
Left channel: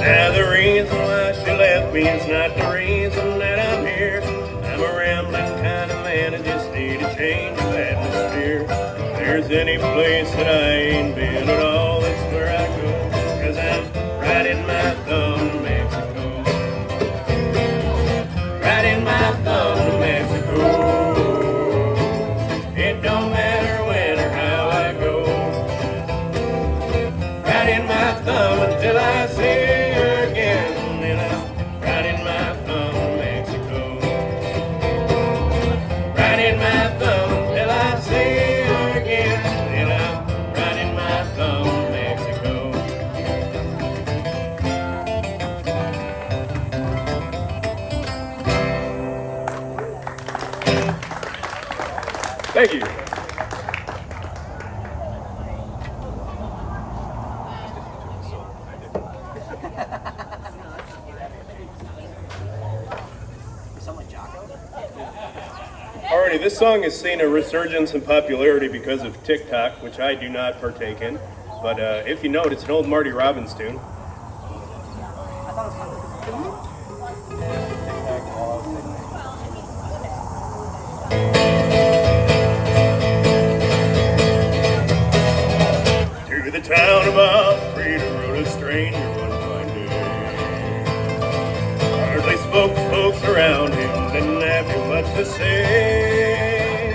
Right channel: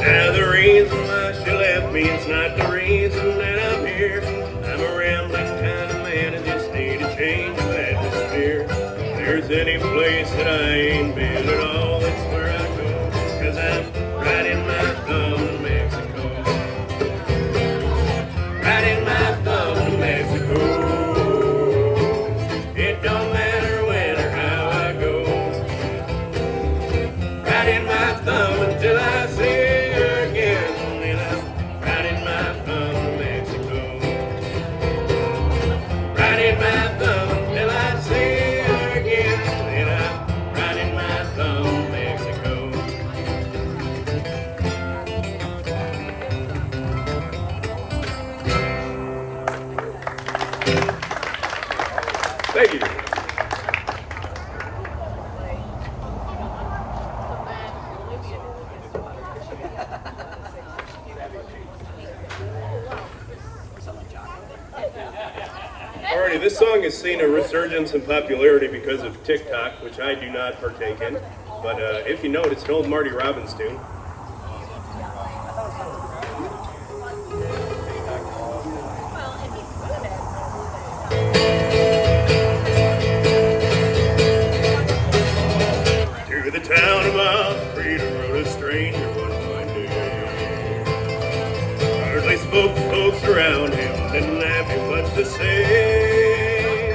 Now the reason why she left me is not the reason that I'm here. I'm a rambling kind of man, I just need a change of atmosphere. If there's any place that I ain't been at all, it's where I go, 'cause I'm riding my thumb to Mexico. Riding my thumb to Mexico. It don't matter when or how I go. Riding my thumb until I see her again. And I'm riding my thumb to Mexico. Riding my thumb until I see her again. And I'm riding my thumb to Mexico. Thank you. Someone Jocko? Alrighty, this song has seen a resurgence in popularity because of TikTok, which I do not partake in. But if you know it, it's an old Marty Robbins tune. I thought it was my To the town of Alfreda rode a stranger one fine day. Hardly spoke to folks around him, didn't have too much to say.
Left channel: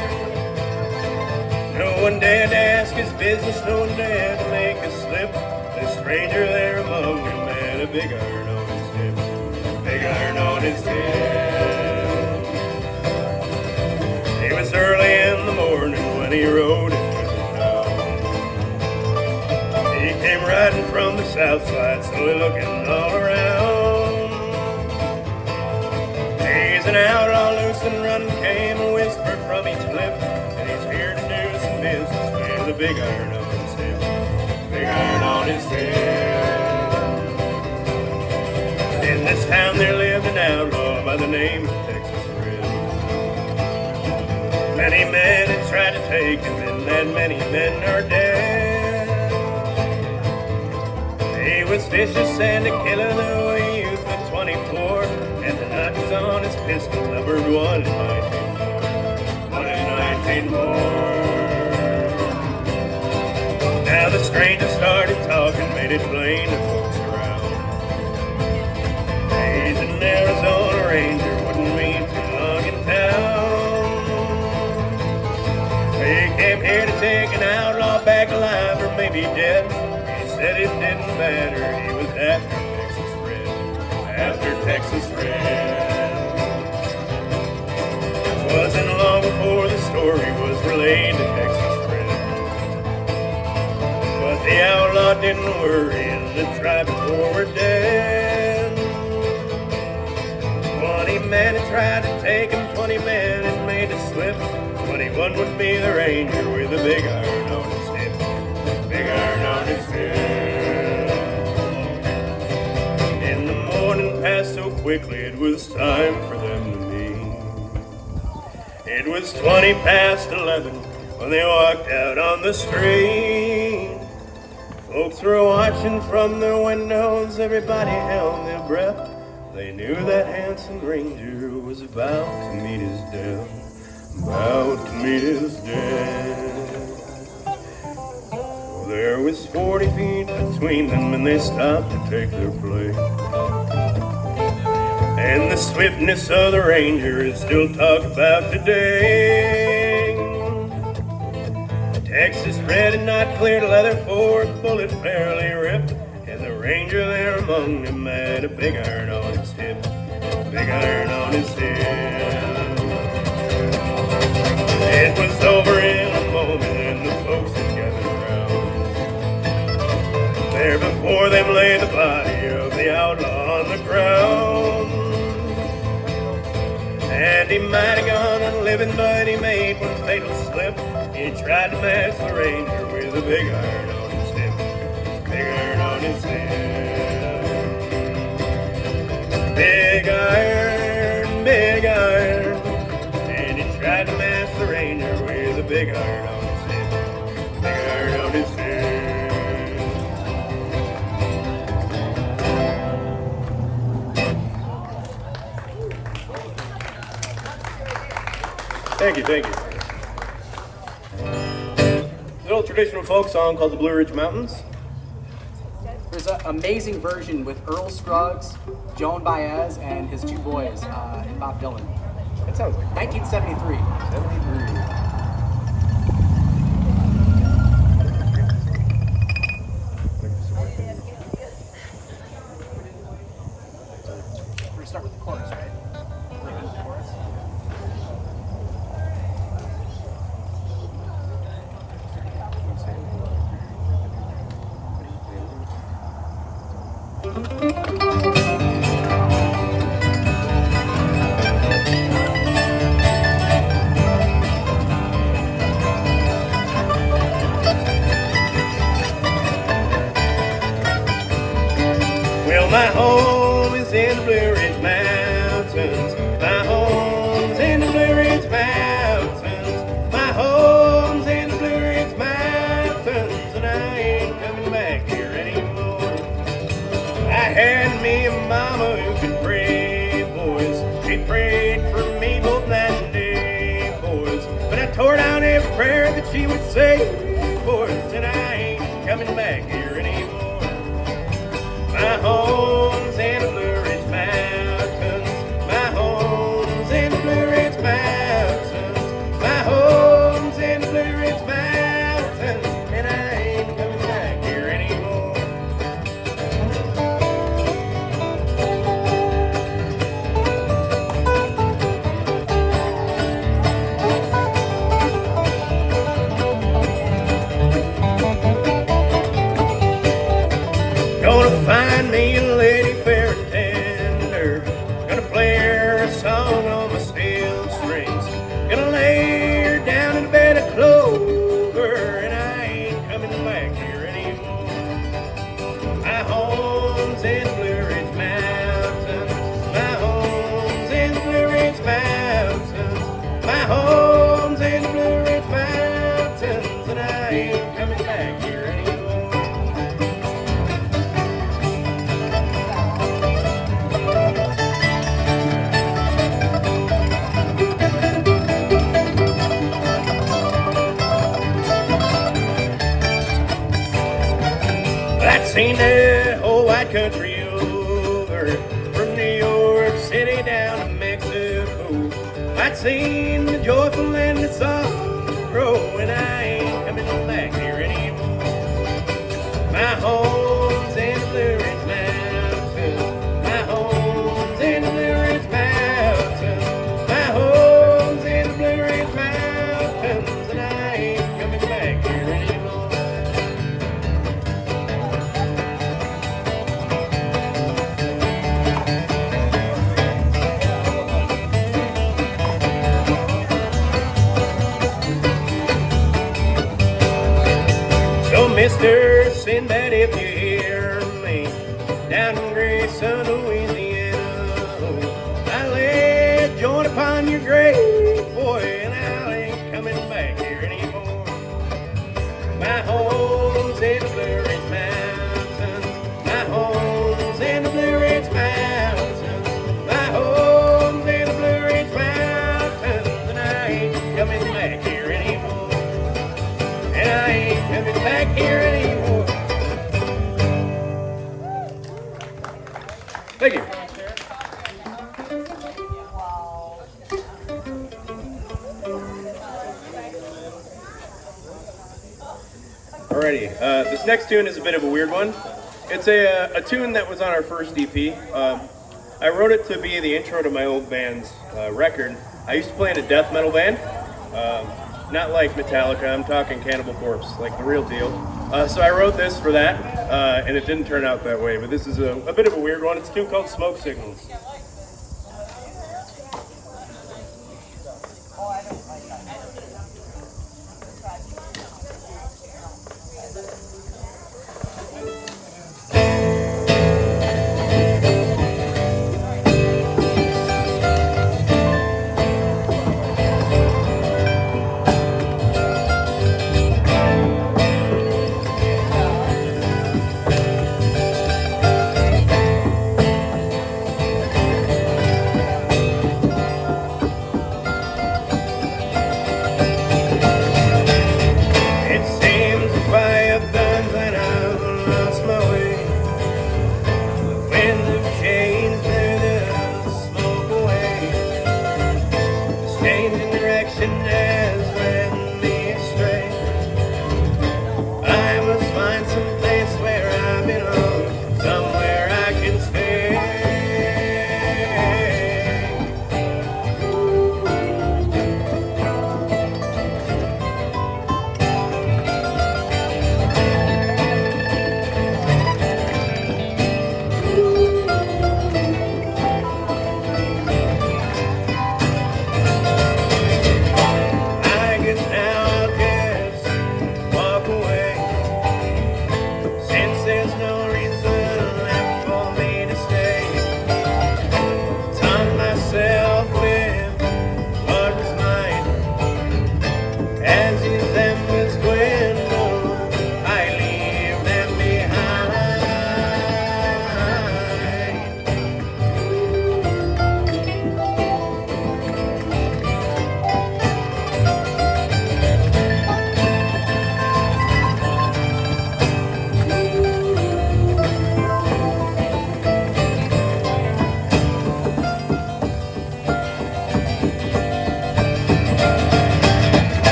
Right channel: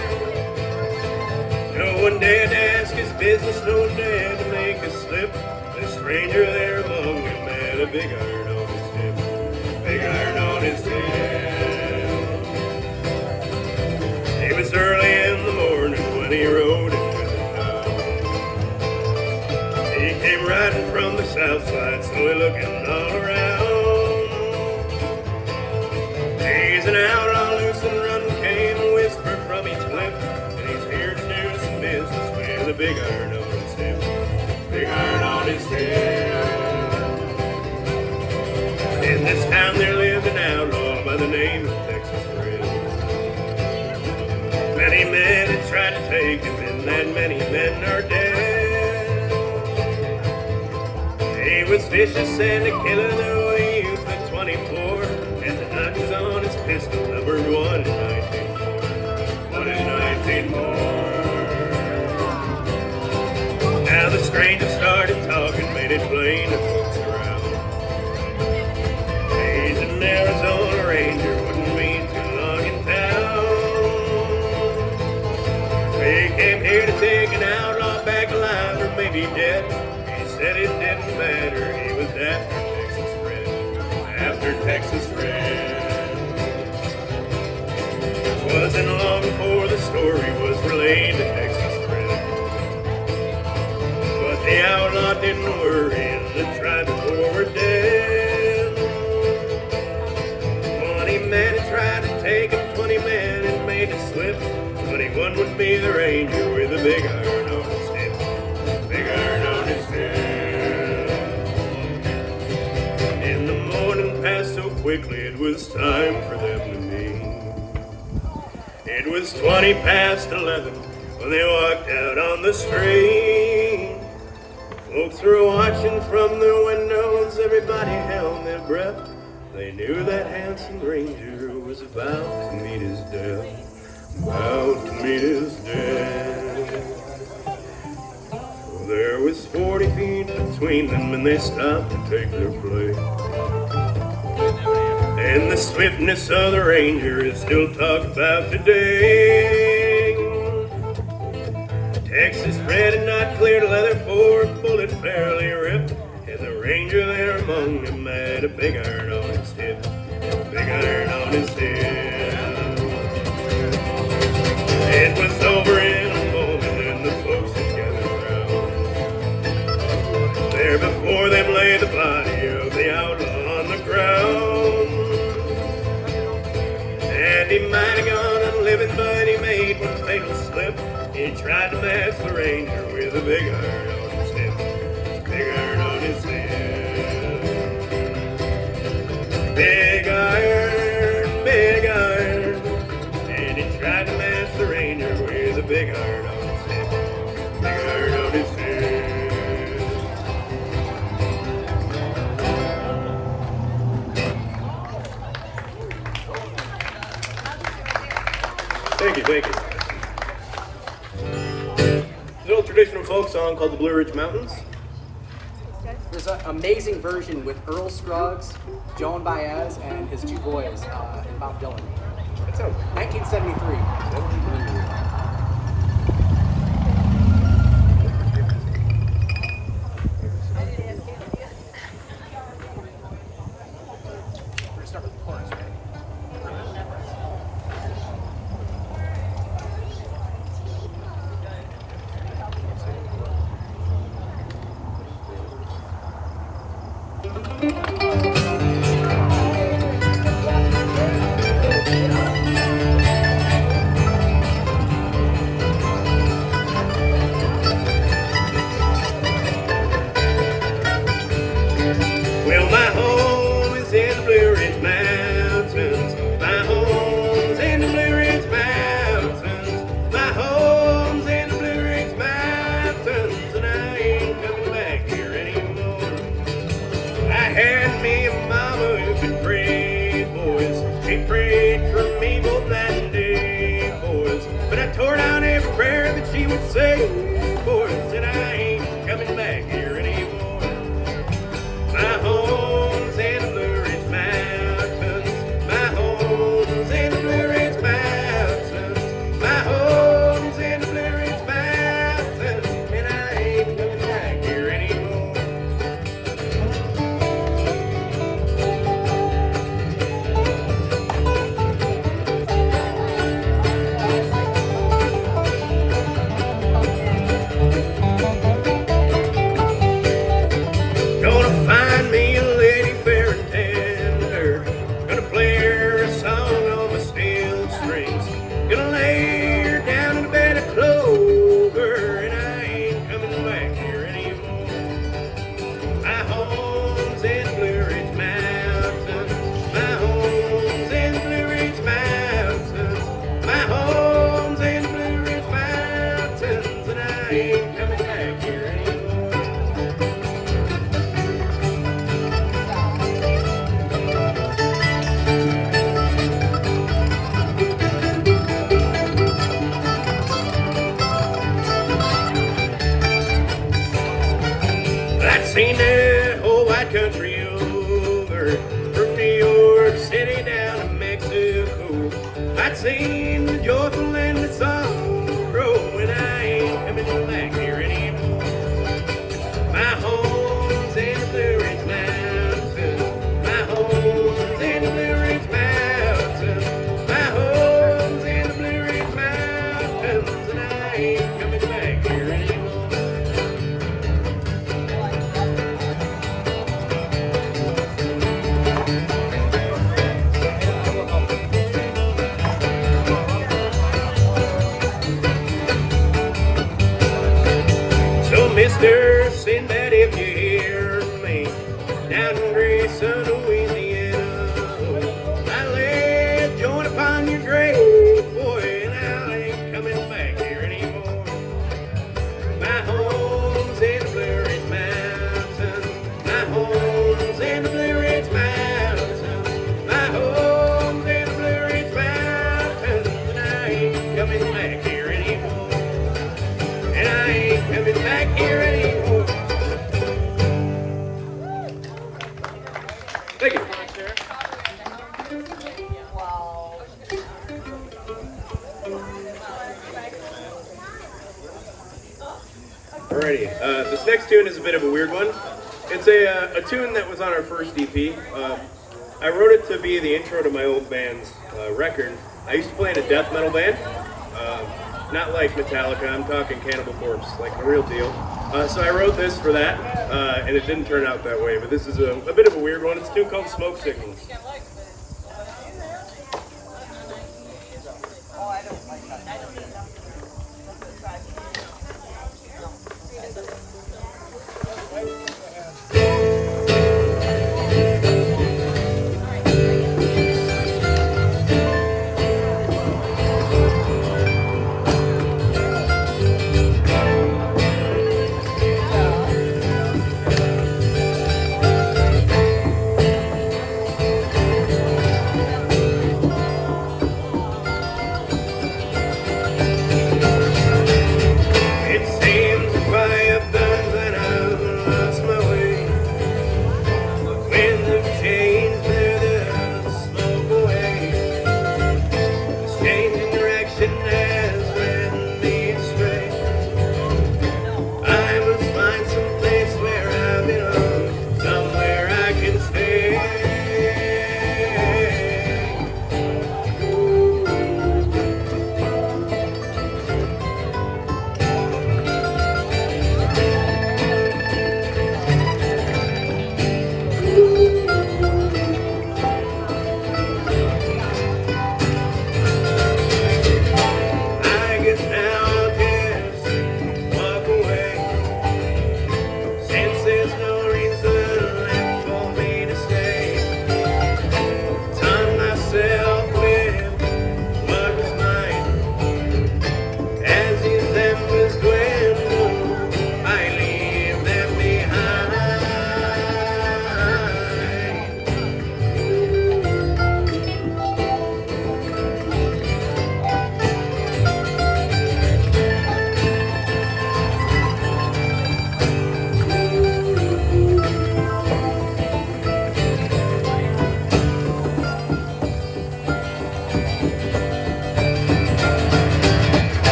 No one dared to ask his business, no one dared to make a slip. The stranger there among them had a big iron on his hip. Big iron on his hip. It was early in the morning when he rode into the town. He came riding from the south side, slowly looking all around. Gazing out on loose and run came a whisper from each lip, and he's here to do some business with a big iron on his hip. Big iron on his hip. In this town there lived an outlaw by the name of Texas Red. Many men had tried to take him, and that many men are dead. He was vicious and a killer, though a youth of 24, and the notches on his pistol numbered 1 in 19 more. 1 in 19 more. Now the stranger started talking, made it plain to folks around. He's an Arizona Ranger, wouldn't be too long in town. He came here to take an outlaw back alive or maybe dead. He said it didn't matter, he was after Texas Red. After Texas Red. Wasn't long before the story was relayed to Texas Red. But the outlaw didn't worry and tried to forward me the ranger with a big iron on his hip, big iron on his hip. And the morning passed so quickly it was time for them to meet. It was 20 past 11 when they walked out on the street. Folks were watching from their windows, everybody held their breath. They knew that handsome ranger was about to meet his death, about to meet his death. Well, there was 40 feet between them and they stopped to take their place. And the swiftness of the ranger is still talked about today. Texas red and not clear leather for a bullet fairly ripped. And the ranger there among them had a big iron on his hip, big iron on his hip. It was over in a moment and the folks had gathered around. There before them lay the body of the outlaw on the ground. And he might have gone unliving, but he made one fatal slip. He tried to match the ranger with a big iron on his hip, big iron on his hip. Big iron, big iron. And he tried to match the ranger with a big iron on his hip, big iron on his hip. Thank you, thank you. It's an old traditional folk song called the Blue Ridge Mountains. There's an amazing version with Earl Scruggs, Joan Baez, and his two boys, and Bob Dylan. That sounds like 1973. We're gonna start with the chorus, right? Chorus. Well, my home is in the Blue Ridge Mountains. My home's in the Blue Ridge Mountains. My home's in the Blue Ridge Mountains. And I ain't coming back here anymore. I had me a mama who could pray, boys. She prayed for me both night and day, boys. But I tore down every prayer that she would say, boys. And I ain't coming back here anymore. My home's in the Blue Ridge Mountains. My home's in the Blue Ridge Mountains. My home's in the Blue Ridge Mountains. And I ain't coming back here anymore. Gonna find me a lady fair and tender. Gonna play her a song on my steel strings. Gonna lay her down in a bed of clover. And I ain't coming back here anymore. My home's in the Blue Ridge Mountains. My home's in the Blue Ridge Mountains. My home's in the Blue Ridge Mountains. And I ain't coming back here anymore. I'd seen that whole white country over, from New York City down to Mexico. I'd seen the joyful and the sorrow, and I ain't coming back here anymore. My home's in the Blue Ridge Mountains. My home's in the Blue Ridge Mountains. My home's in the Blue Ridge Mountains, and I ain't coming back here anymore. Thank you. Alrighty, this next tune is a bit of a weird one. It's a tune that was on our first EP. I wrote it to be the intro to my old band's record. I used to play in a death metal band, not like Metallica, I'm talking Cannibal Corpse, like the real deal. So I wrote this for that, and it didn't turn out that way, but this is a bit of a weird one. It's a tune called Smoke Signals.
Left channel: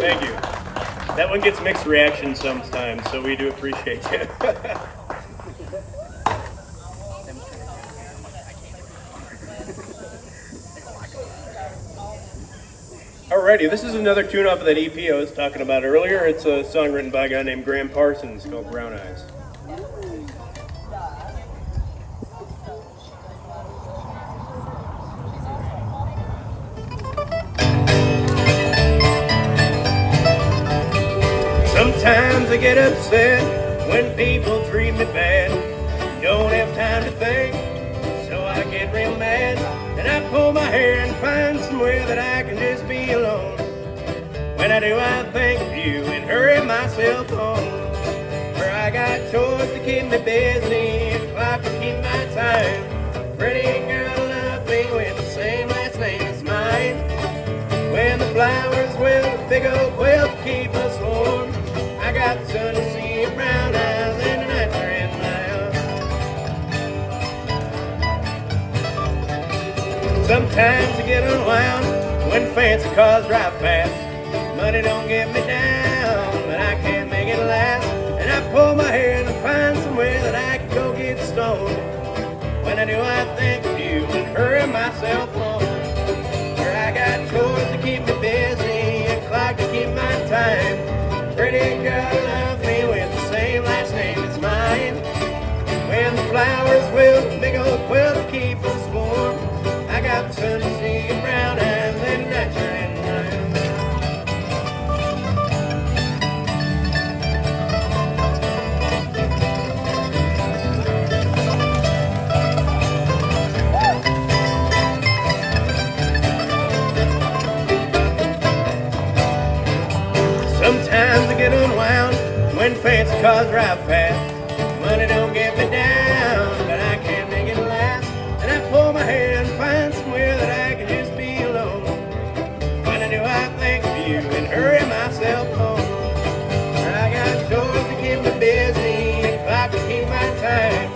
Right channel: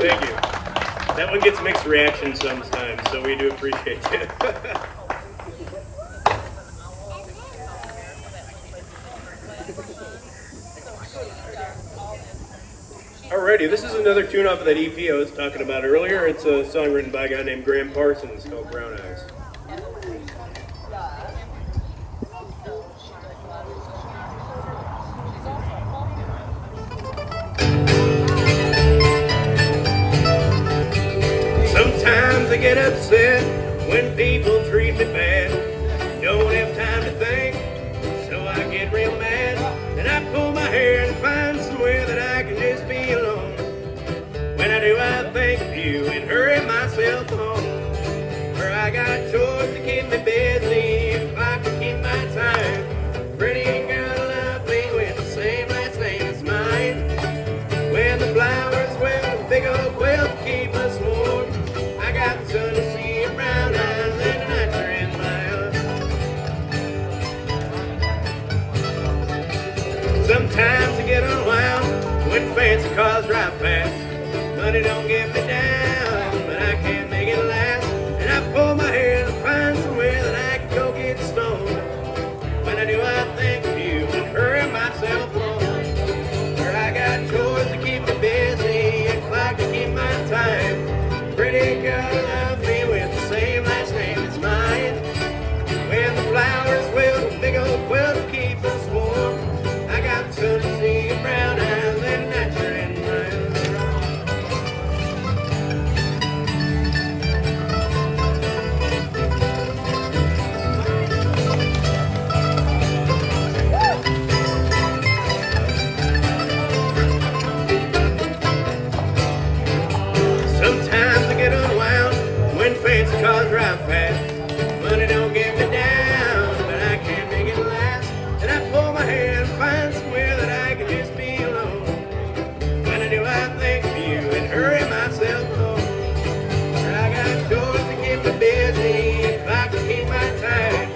Thank you. That one gets mixed reactions sometimes, so we do appreciate it. Alrighty, this is another tune off of that EP I was talking about earlier. It's a song written by a guy named Graham Parsons called Brown Eyes. Sometimes I get upset when people treat me bad. Don't have time to think, so I get real mad. And I pull my hair and find somewhere that I can just be alone. When I do, I think of you and hurry myself home. For I got chores to keep me busy if I can keep my time. Pretty girl love me with the same last name as mine. When the flowers will big old quilt keep us warm. I got the sun to see your brown eyes and the night in my arms. Sometimes I get unwound when fancy cars drive past. Money don't get me down, but I can't make alone. When I do, I think of you and hurry myself home. Where I got chores to keep me busy and clock to keep my time. Pretty girl loves me with the same last name as mine. When the flowers wilt, a big old quilt will keep us warm. I got the sun to see your brown eyes and that you're in brown. Sometimes I get unwound when fancy cars drive past. Money don't get me down, but I can't make it last. And I pull my hair and find somewhere that I can just be alone. When I do, I think of you and hurry myself home. Where I got chores to keep me busy and clock to keep my time.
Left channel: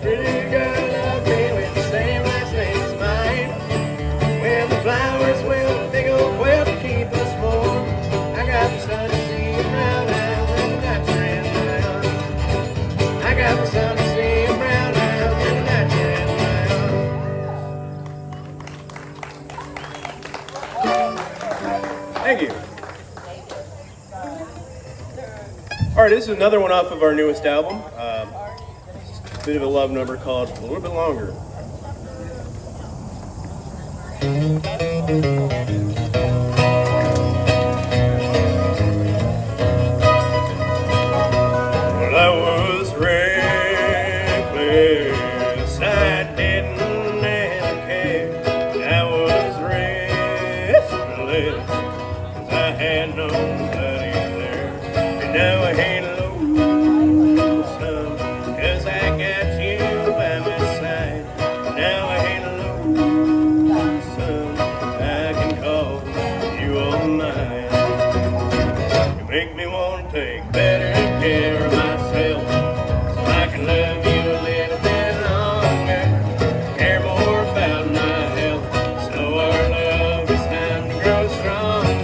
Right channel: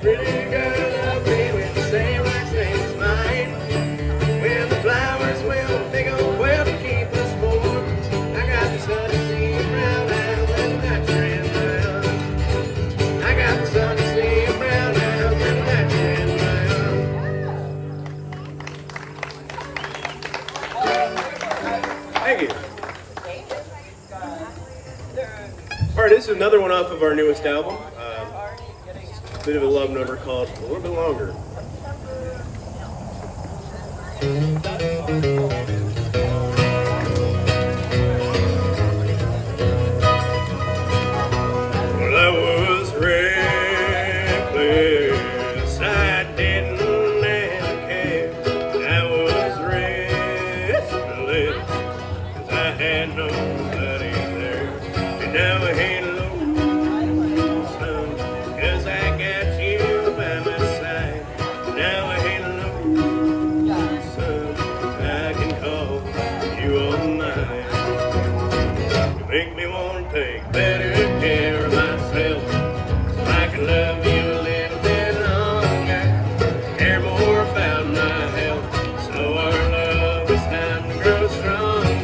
Pretty girl love me with the same last name as mine. When the flowers will, a big old quilt to keep us warm. I got the sun to see your brown eyes and that you're in brown. I got the sun to see your brown eyes and that you're in brown. Thank you. All right, this is another one off of our newest album. A bit of a love number called A Little Bit Longer. Well, I was reckless, I didn't ever care. I was restless, 'cause I had nobody there. And now I ain't lonesome, 'cause I got you by my side. Now I ain't lonesome, I can call you all mine. You make me want to take better care of myself, so I can love you a little bit longer. Care more about my health, so our love is time to grow stronger.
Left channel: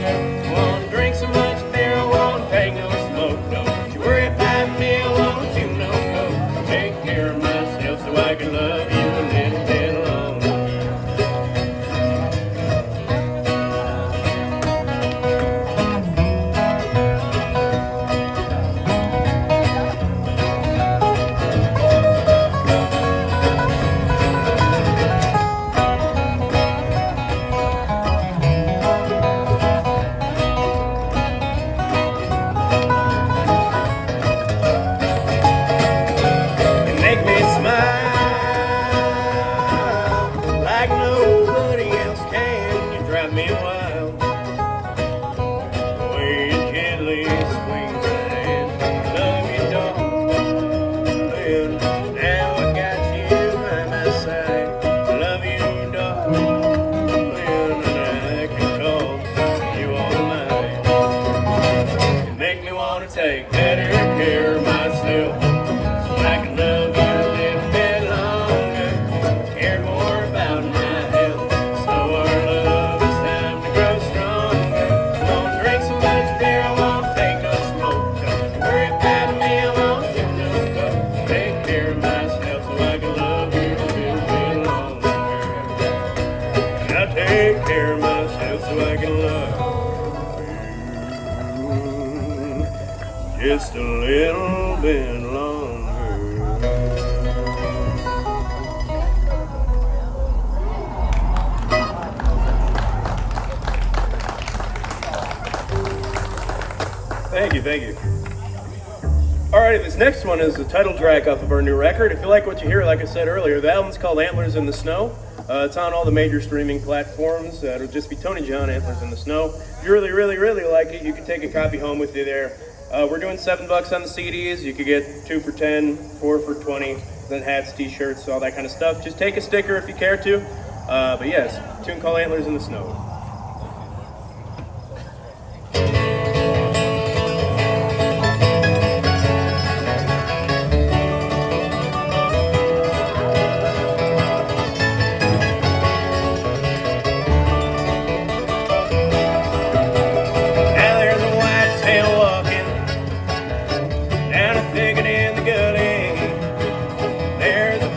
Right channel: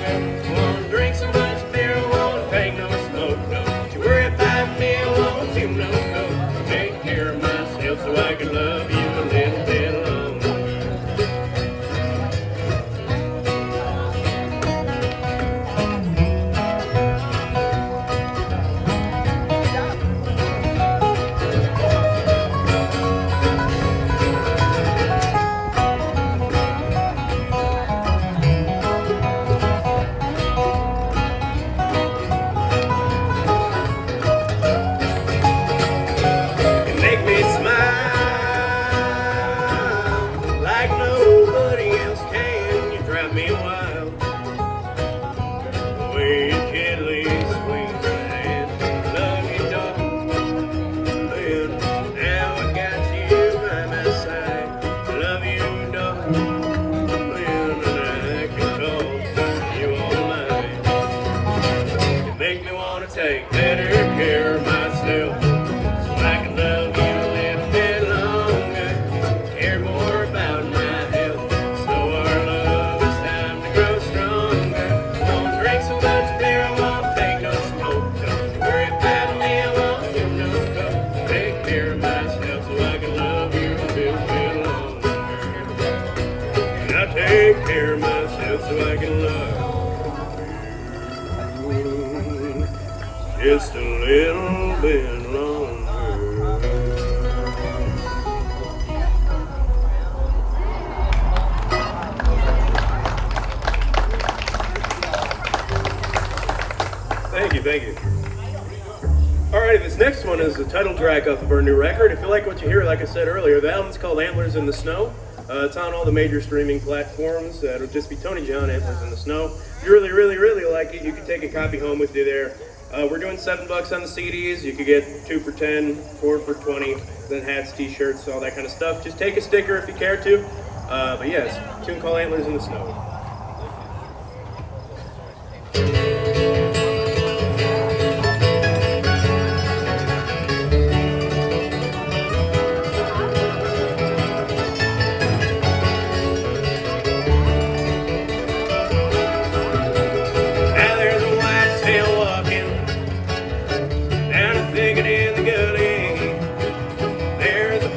Won't drink so much beer, won't take no smoke. Don't you worry about me, I won't do no go. Take care of myself so I can love you a little bit longer. You make me smile like nobody else can. You drive me wild the way you gently swing my hand. Love you, darling. Now I got you by my side. Love you, darling, and I can call you all mine. You make me want to take better care of myself, so I can love you a little bit longer. Care more about my health, so our love is time to grow stronger. Won't drink so much beer, I won't take no smoke. Don't you worry about me, I won't do no go. Take care of myself so I can love you a little bit longer. And I take care of myself so I can love you just a little bit longer. Thank you, thank you. All right, this next one is the title track off of our new record. If you like what you hear, like I said earlier, the album's called Antlers in the Snow. It's on all the major streaming platforms. It'll just be Tony John, Antlers in the Snow. If you really, really, really like it, you can take a copy home with you there. We're doing $7 on the CDs. You could get 2 for 10, 4 for 20, then hats, t-shirts, all that kind of stuff. Just take a sticker if you care to. But yes, tune called Antlers in the Snow. There's a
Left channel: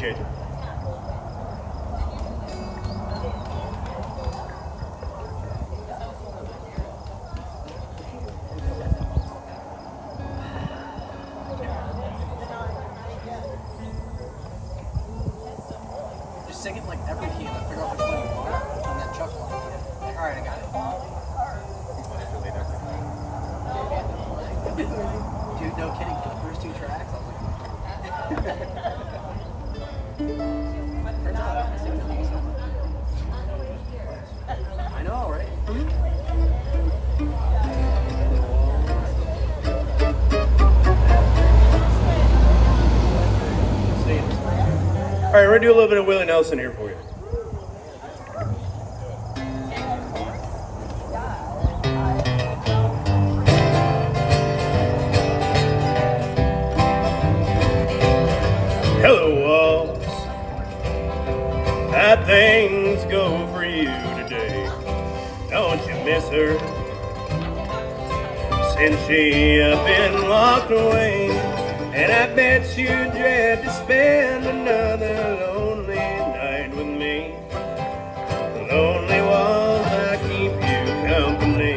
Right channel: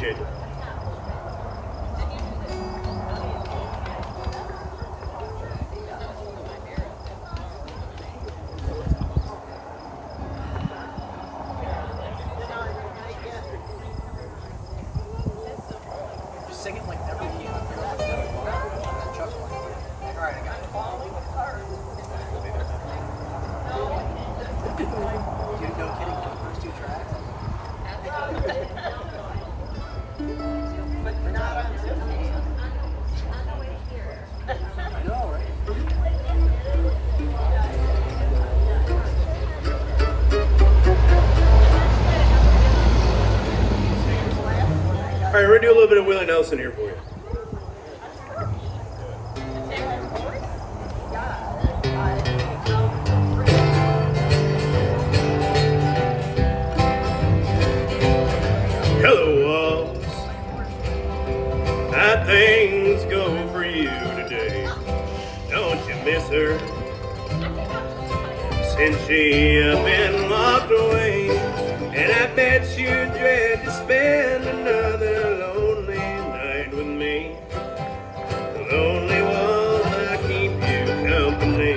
Appreciate you. Just sing it like every key and figure out which one you want, and then chuck one. Like, all right, I got it. Dude, no kidding. For the first 2 tracks, I was like, turns out I don't see it. I know, right? All right, we're gonna do a little bit of Willie Nelson here for you. Hello, walls. How things go for you today? Don't you miss her? Since she up and walked away, and I bet you dread to spend another lonely night with me. Lonely walls, I keep you company.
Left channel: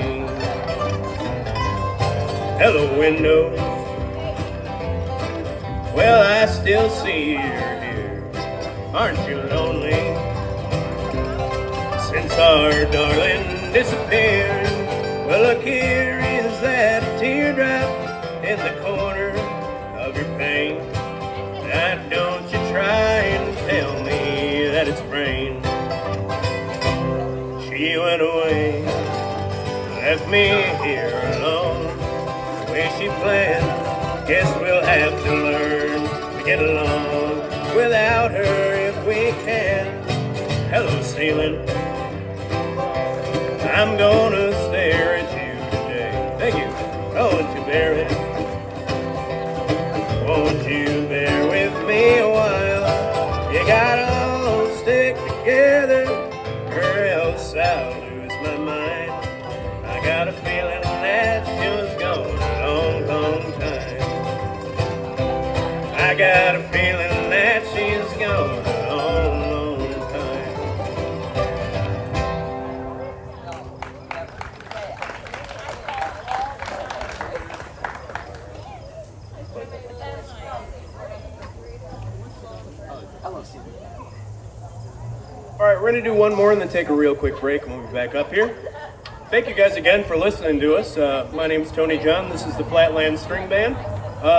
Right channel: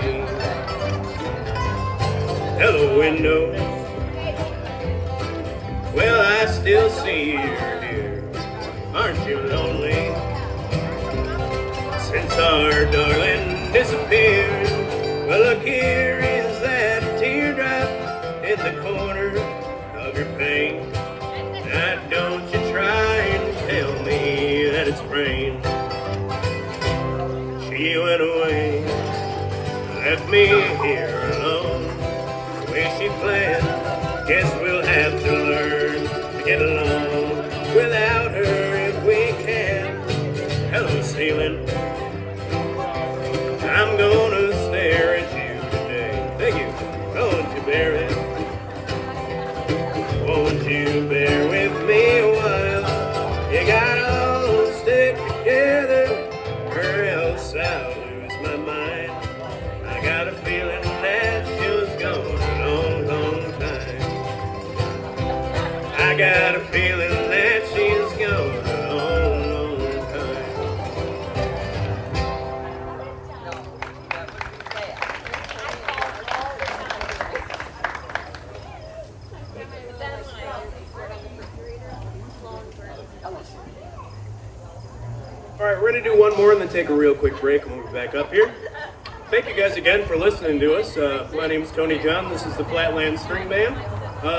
Hello, windows. Well, I still see her here. Aren't you lonely? Since our darling disappeared. Well, look, here is that teardrop in the corner of your pain. Now don't you try and tell me that it's rain. She went away, left me here alone. The way she planned, guess we'll have to learn to get along without her if we can. Hello, ceiling. I'm gonna stare at you today. Thank you. Won't you bear it? Won't you bear with me a while? You gotta all stick together, or else I'll lose my mind. I got a feeling that she was gone a long, long time. I got a feeling that she's gone a long, long time. All right, we're going to do one more and then take a real quick break and we'll be back up here. Thank you guys again for listening to us. My name is Tony John. This is the Flatland Stringband.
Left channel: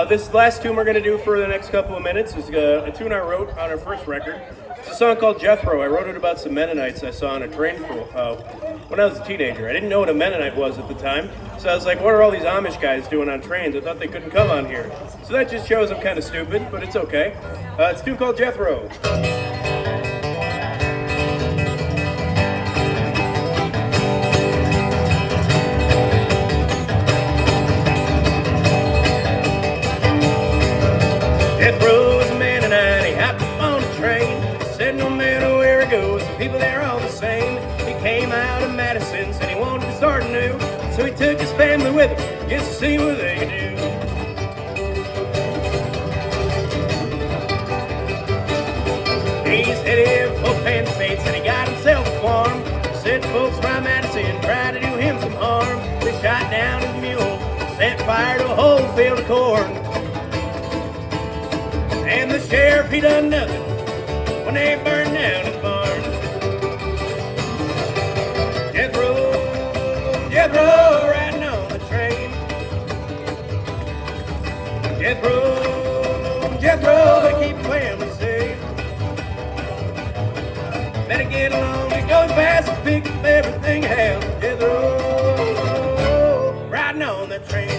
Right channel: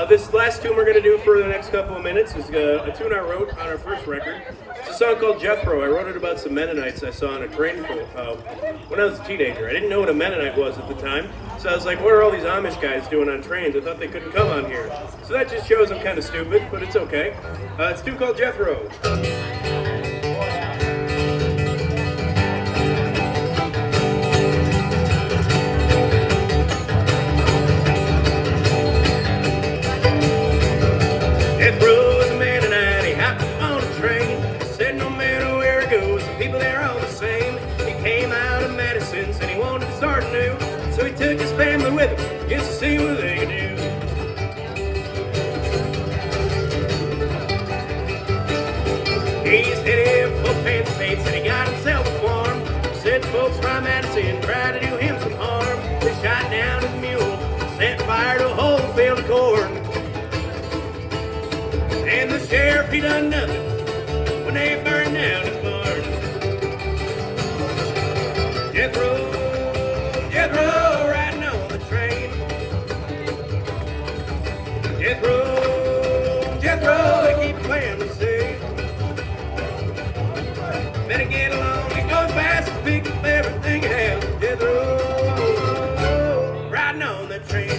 This last tune we're going to do for the next couple of minutes is a tune I wrote on our first record. It's a song called Jethro. I wrote it about some Mennonites I saw on a train when I was a teenager. I didn't know what a Mennonite was at the time, so I was like, what are all these Amish guys doing on trains? I thought they couldn't come on here. So that just shows I'm kind of stupid, but it's okay. It's a tune called Jethro. Jethro's a Mennonite, he hopped up on a train. Said no matter where he goes, the people there are all the same. He came out of Madison, said he wanted to start anew. So he took his family with him, just to see what they could do. He's headed for Penn State, said he got himself a farm. Said folks from Madison tried to do him some harm. They shot down his mule, set fire to a whole field of corn. And the sheriff, he done nothing when they burned down his barn. Jethro, riding on the train. Jethro, they keep playing the same. Better get along, it goes fast and pick up everything you have. Jethro, riding on that train.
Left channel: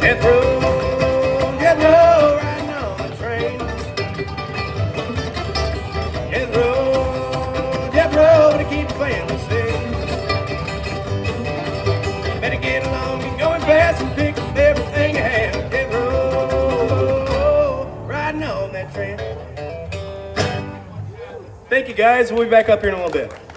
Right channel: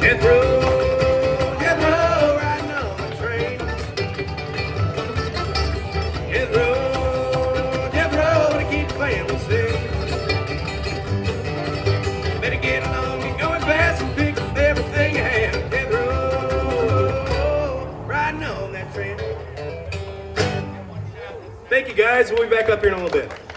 Jethro, riding on the train. Jethro, they keep playing the same. Better get along. guys. We'll be back up here in a little bit.